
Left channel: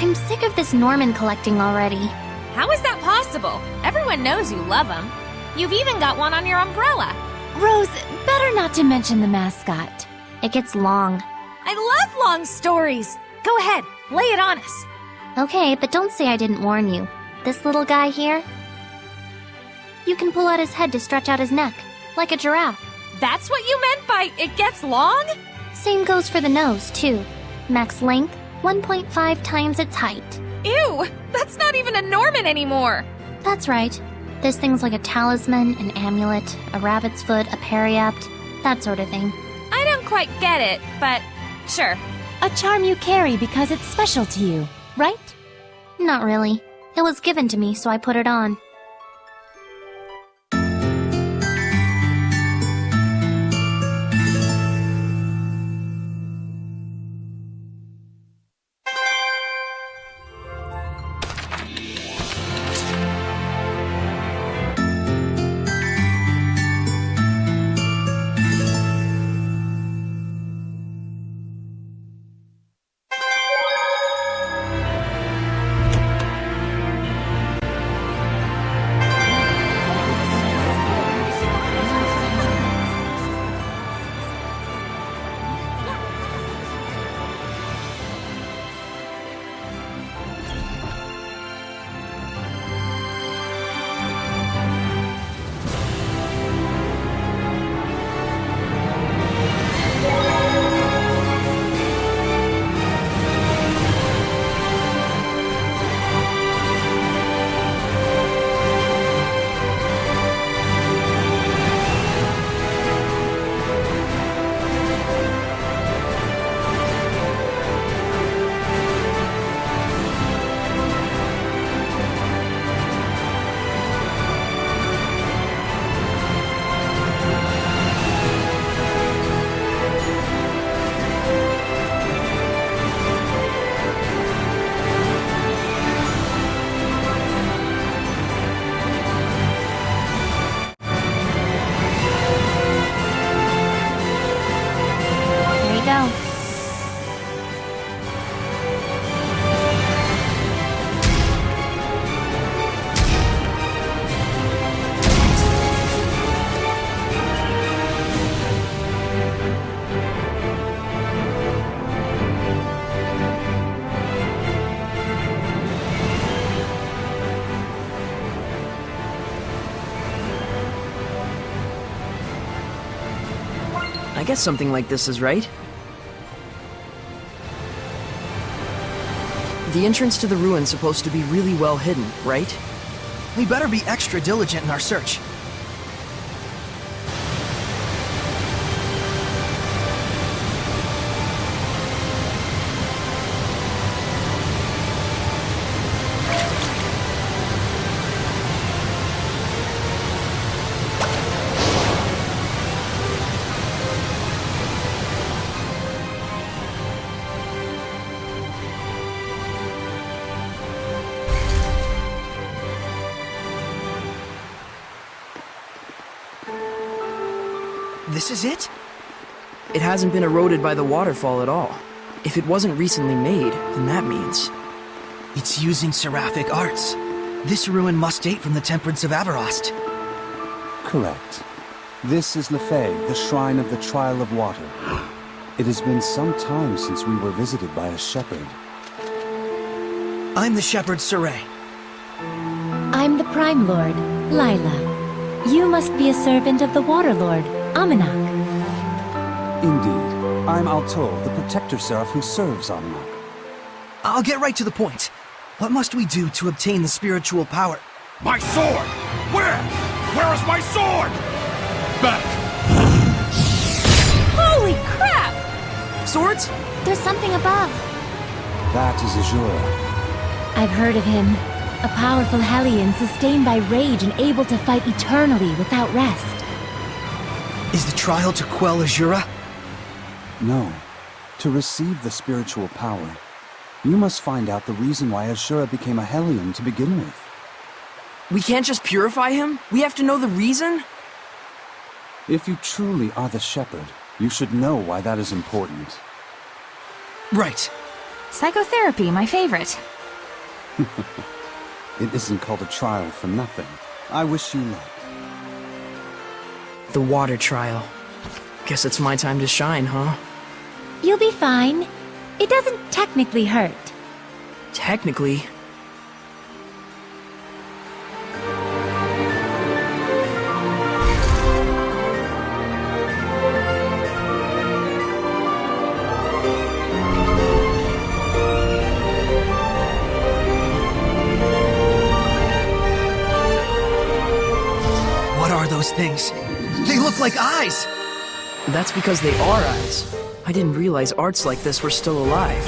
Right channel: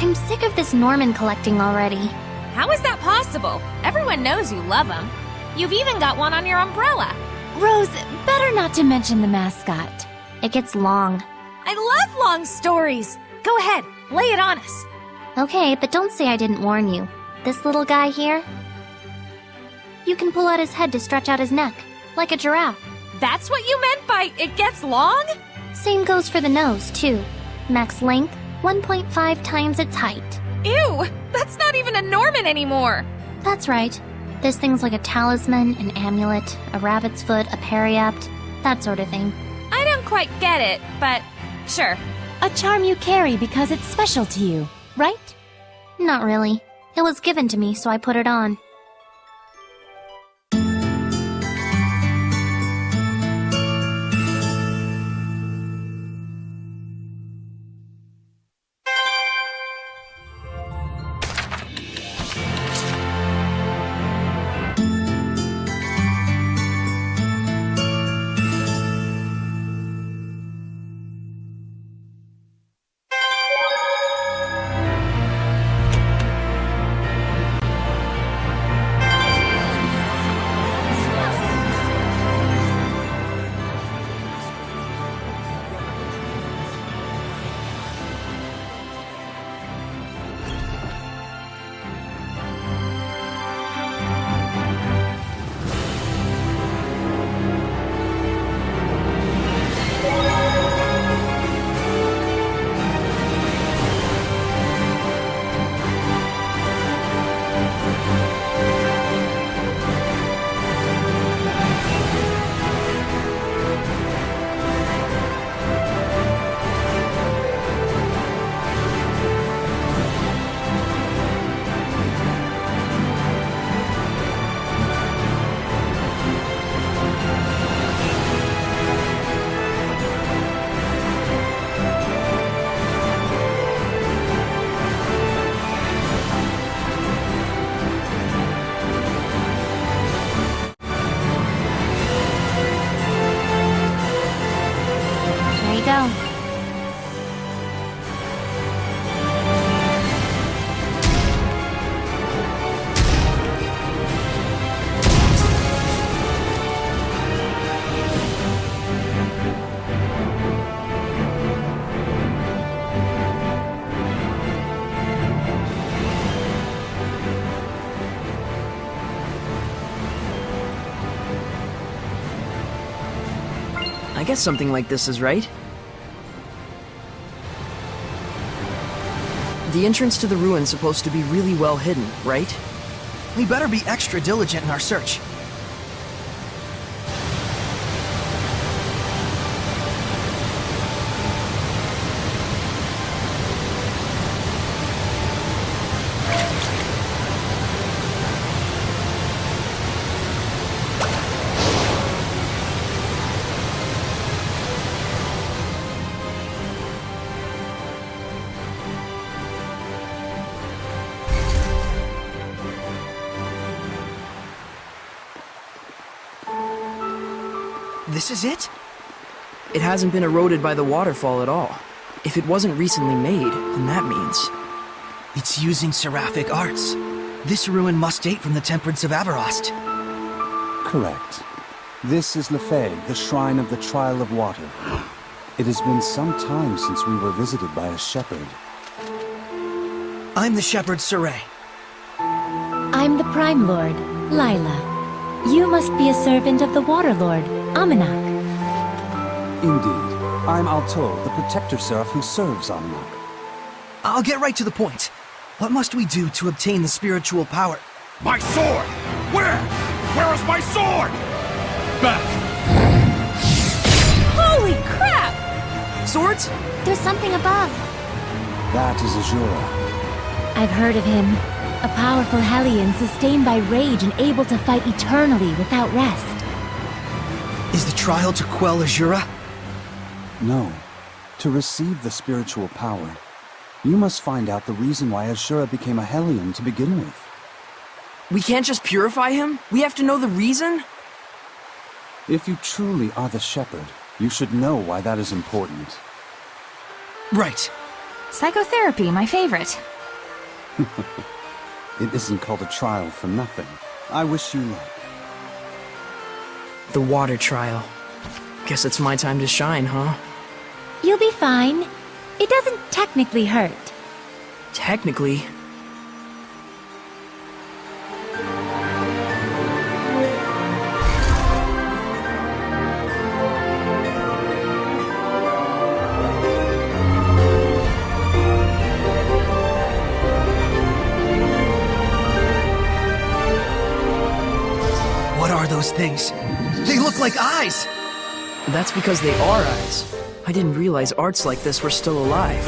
I'm sick of this Norman collecting already. How is that possible? Everyone knows you love him. You've even got one on your umbrella. Rose, better not to mention the mascot. It gets long. I love long stories. Go ahead, lay it on us. Okay, but don't say I didn't warn you. This little guy here? You can pull out his head to stretch out his neck, like a giraffe. That's what you meant by it gets long? Same goes for the nose, too. Max length, 1.5 times its height. Ew, that's not even a Norman anymore. That's right. There's things like a talisman, an amulet, a rabbit's foot, a periapt, that sort of thing. I don't quite get it, but sure. A charm you carry because it's special to you, right? Not really. It was given to me, so I put it on. we go. I guess something like this is right. The entrance to the ruin's supposed to be really well hidden, right? We better be extra diligent in our search. This is it? It hasn't been eroded by the waterfall at all. If it wasn't recently made, then that means... It's using seraphic arts. This ruin must date from the Temperance of Avarost. Correct. This is Lefay, the Shrine of the Trial of Water. It has been some time since we were visited by a shepherd. I'm the shepherd Saray. I'm the Prime Lord, Lila. You must be a servant of the Water Lord, Amanak. Indeed. I'm Alto, the Protector Seraph who serves Amanak. I'll get right to the point. What must we do to obtain the spiritual power? My sword! Where? Where is my sword? Back! Holy crap! Swords? There's something above. That is Azura. I've heard of him. A powerful Hellion sustained by rage and able to fight eternally without rest. Is the trial to quell Azura? No. To receive the spiritual power, you must find out the reason why Azura became a Hellion to begin with. We can't just purify him? We have to know the reason? If you truly are the shepherd, you should know why that is important. Right. Psychotherapy, my favorite. It isn't called a trial for nothing. I wish you luck. The water trial. Guess it's my time to shine, huh? You'll be fine. It doesn't technically hurt. Technically. What are those things? They look like eyes! That's because they are eyes. I didn't realize arts like this were still alive.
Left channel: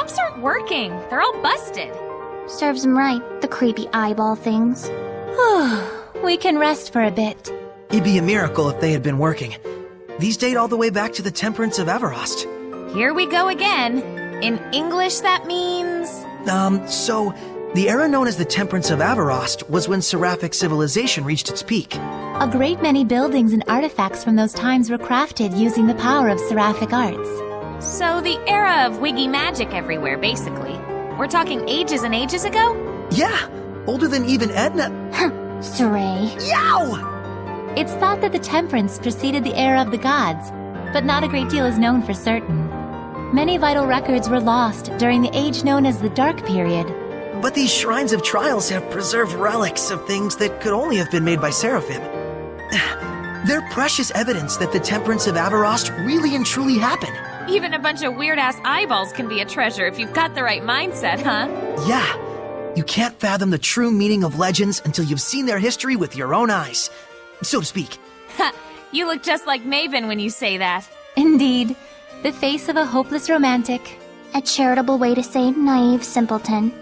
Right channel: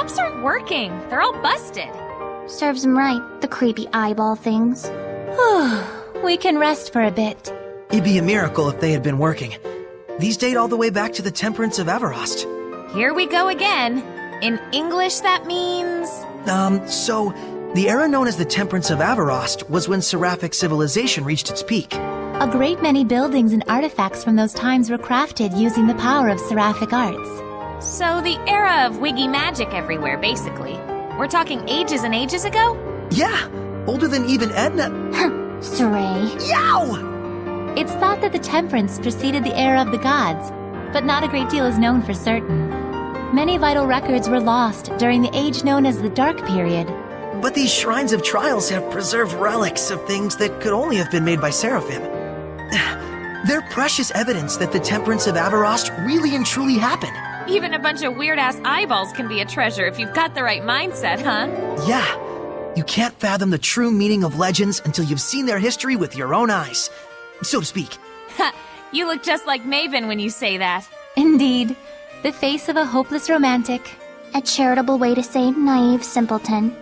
traps aren't working. They're all busted. Serves him right, the creepy eyeball things. We can rest for a bit. It'd be a miracle if they had been working. These date all the way back to the Temperance of Everost. Here we go again. In English, that means... So, the era known as the Temperance of Everost was when Seraphic civilization reached its peak. A great many buildings and artifacts from those times were crafted using the power of seraphic arts. So the era of wiggy magic everywhere, basically. We're talking ages and ages ago? Yeah, older than even Edna. Saray. Yow! It's thought that the Temperance preceded the era of the gods, but not a great deal is known for certain. Many vital records were lost during the age known as the Dark Period. But these Shrines of Trials have preserved relics of things that could only have been made by Seraphim. They're precious evidence that the Temperance of Everost really and truly happened. Even a bunch of weird-ass eyeballs can be a treasure if you've got the right mindset, huh? Yeah, you can't fathom the true meaning of legends until you've seen their history with your own eyes, so to speak. Ha! You look just like Maven when you say that. Indeed, the face of a hopeless romantic. A charitable way to say naive simpleton.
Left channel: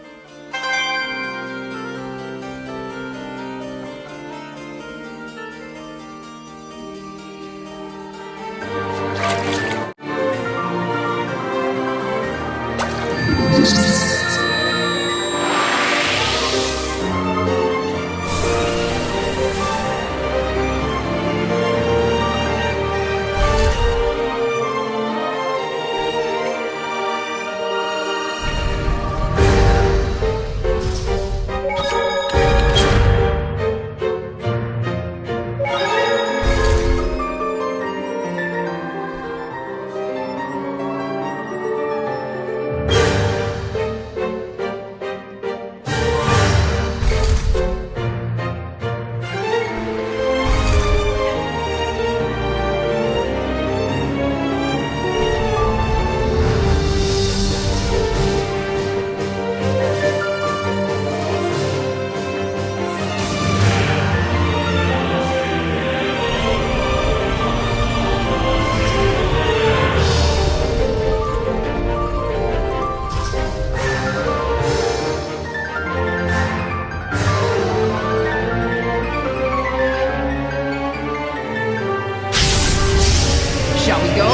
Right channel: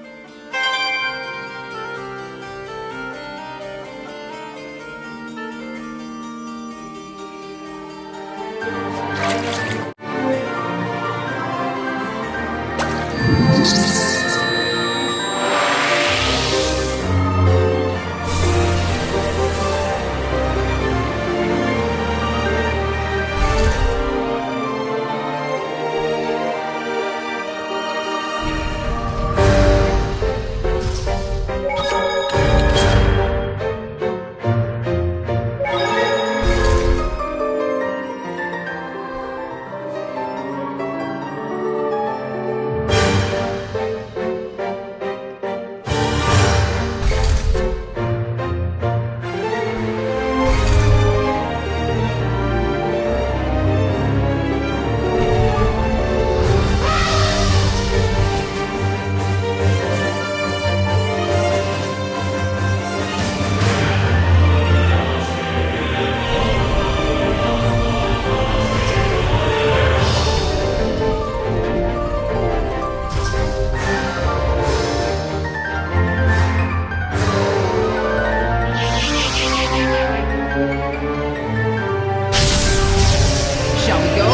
Shall we go?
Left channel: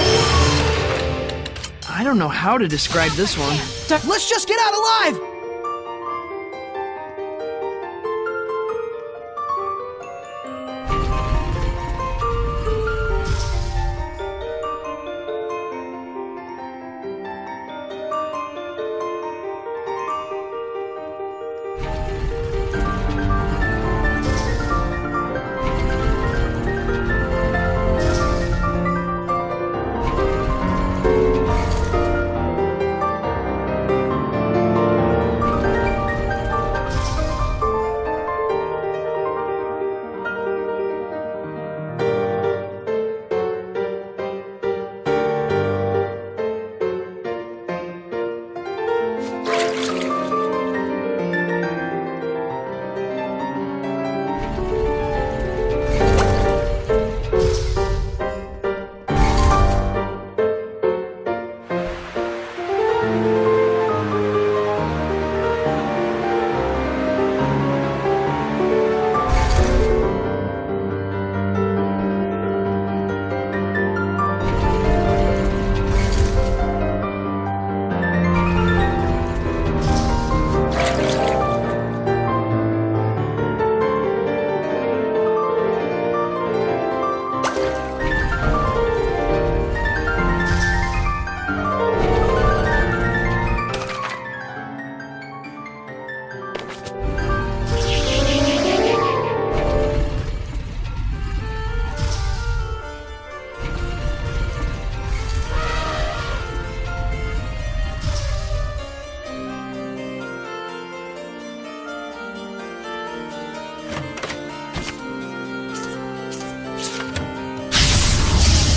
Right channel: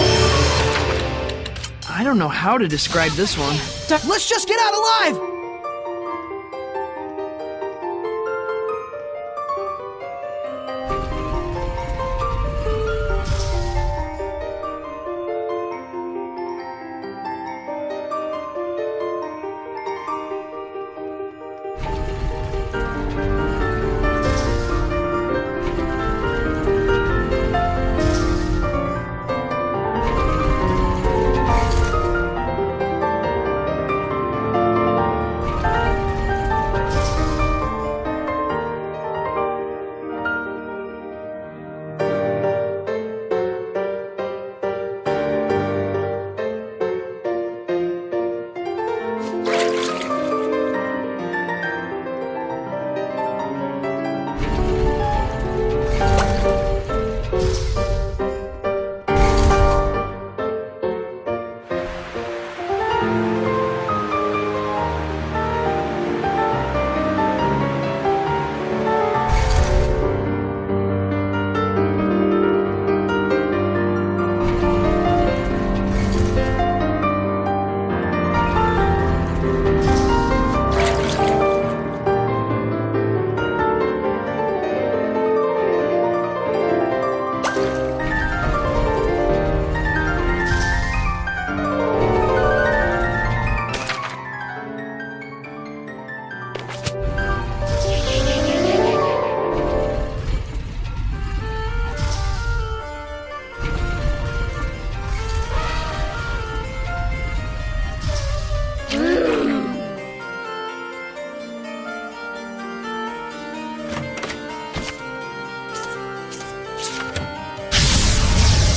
I don't know how to describe this one. Let's just get out alive!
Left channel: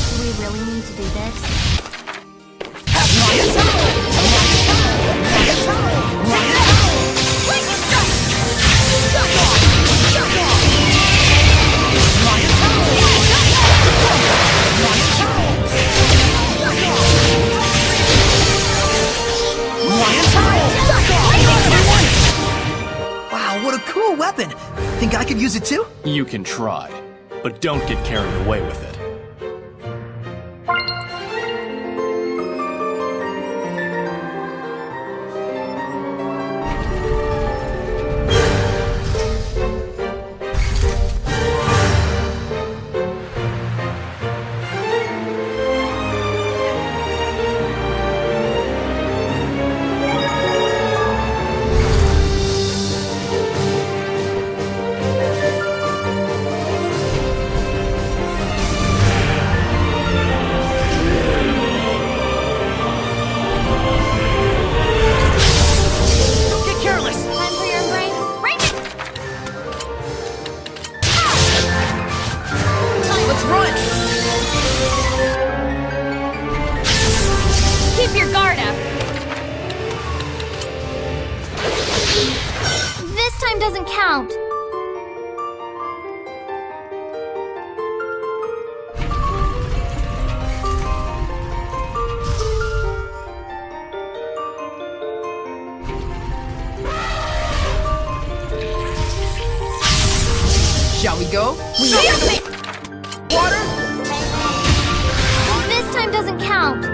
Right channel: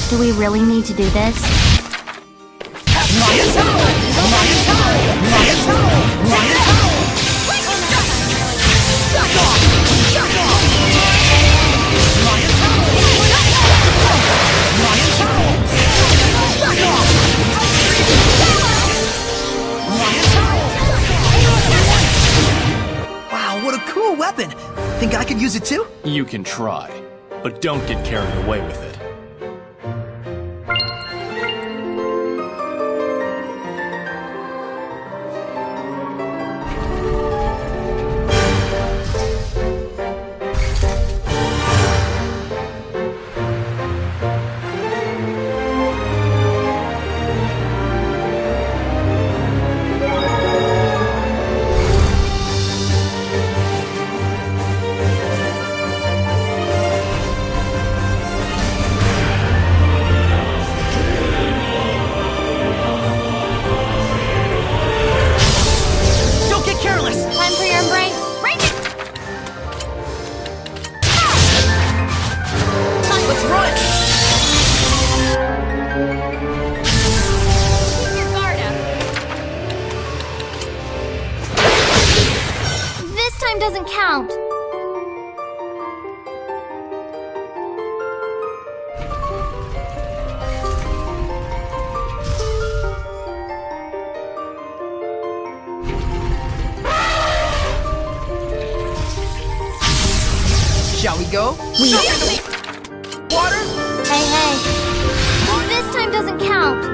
Do we really need to do this? Lion Tower! Lion Tower! Lion Tower! Lion Tower! Back off! Back off! Lion Tower! Lion Tower! Back off! cool weapon. Think I could use it too? You can try, but don't get carried away with it. Time for your embrace. Range it! Let's run! Keep your guard up. This time doesn't count. Shall we go? Water? Hey. This time doesn't count.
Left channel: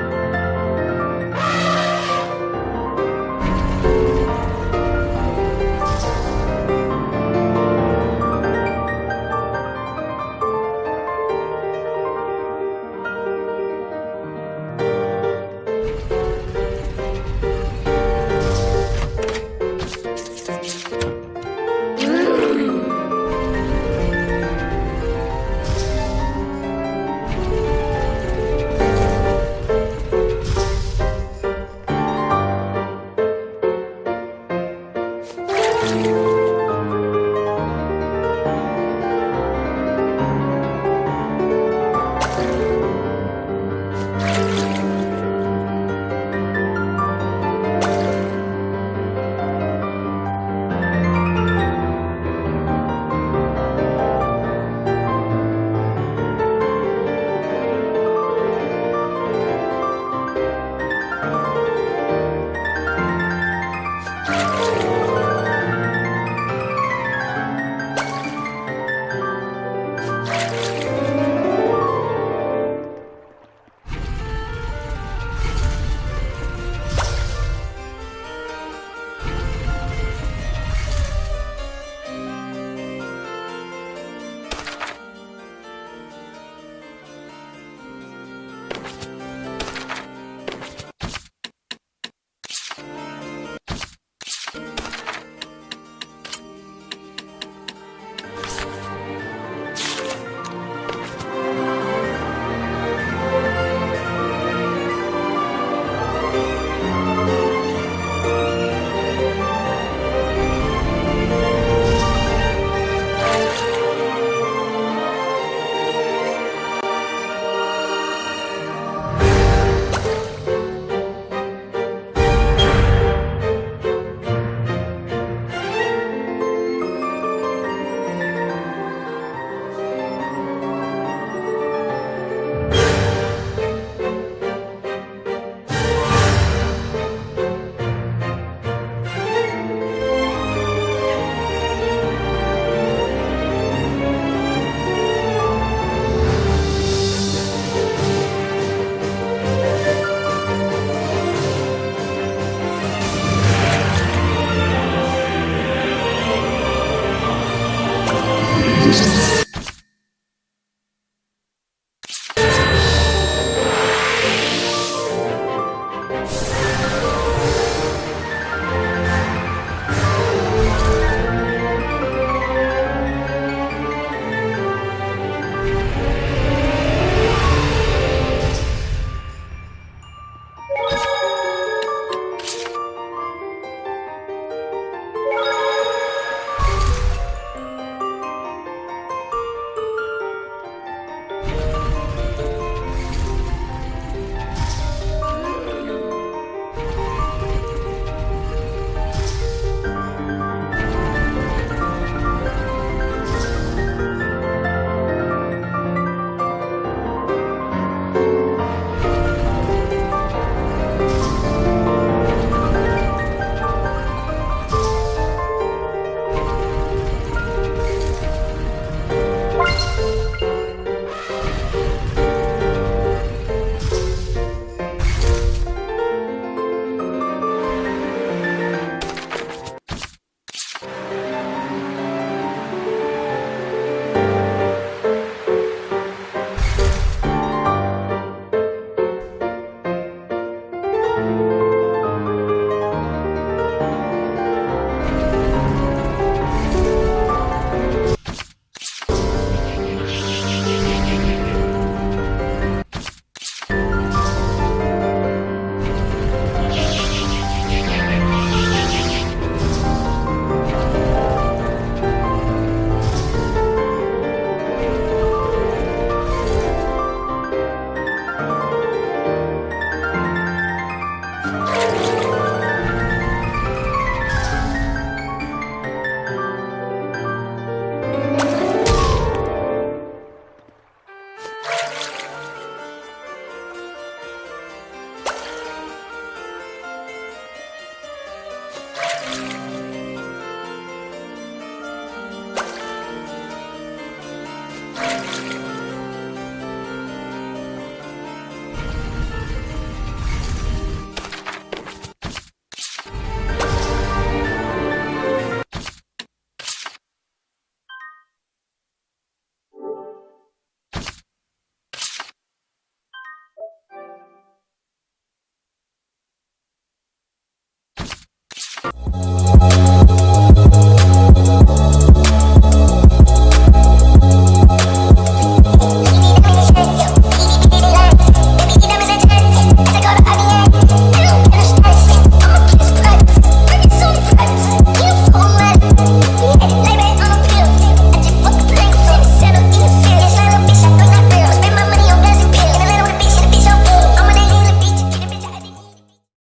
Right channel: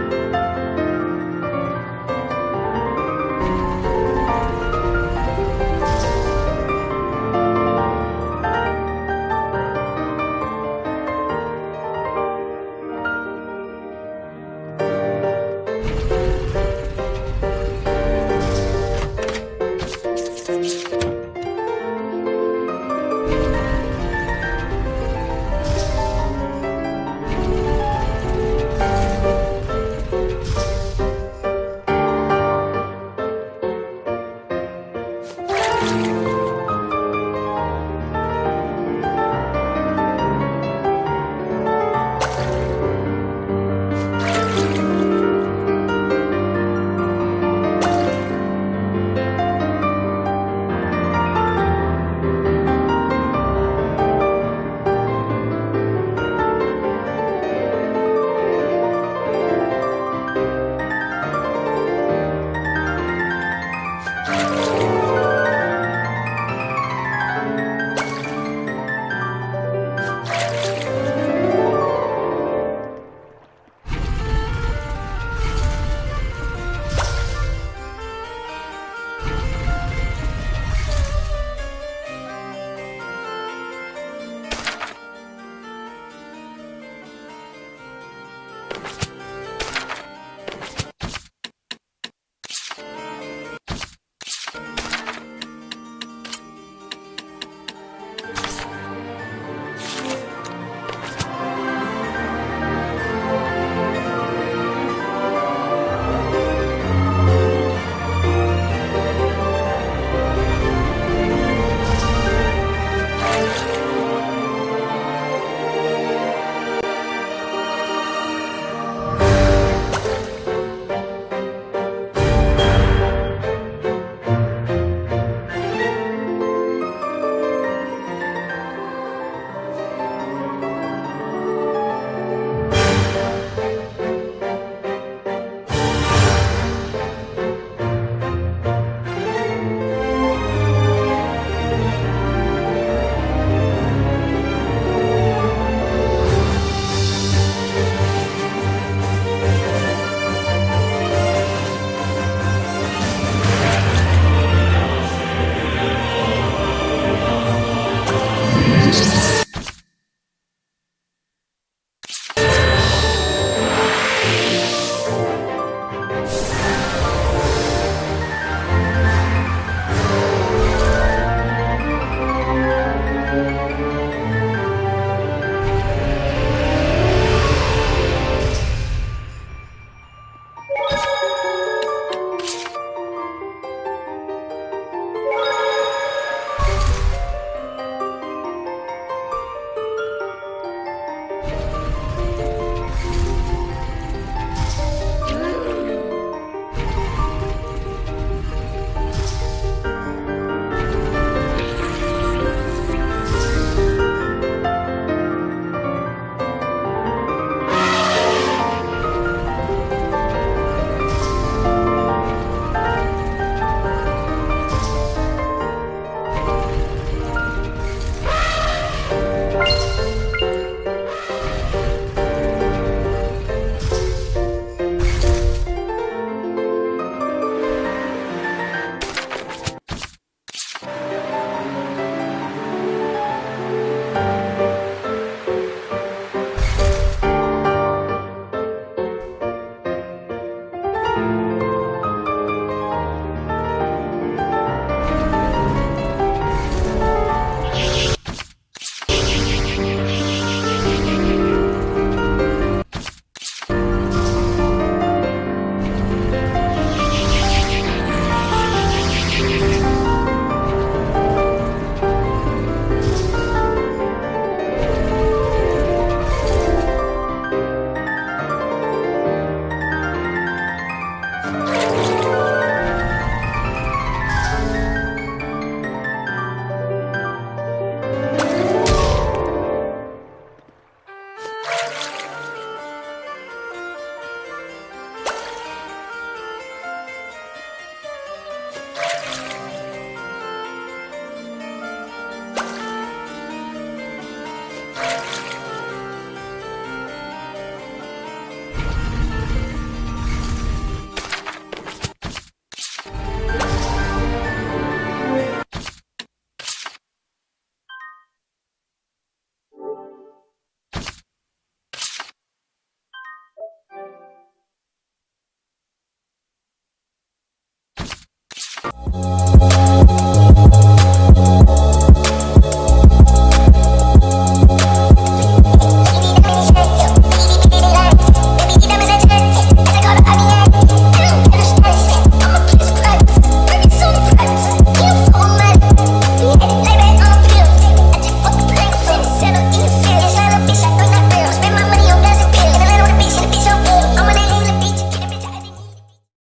Huh?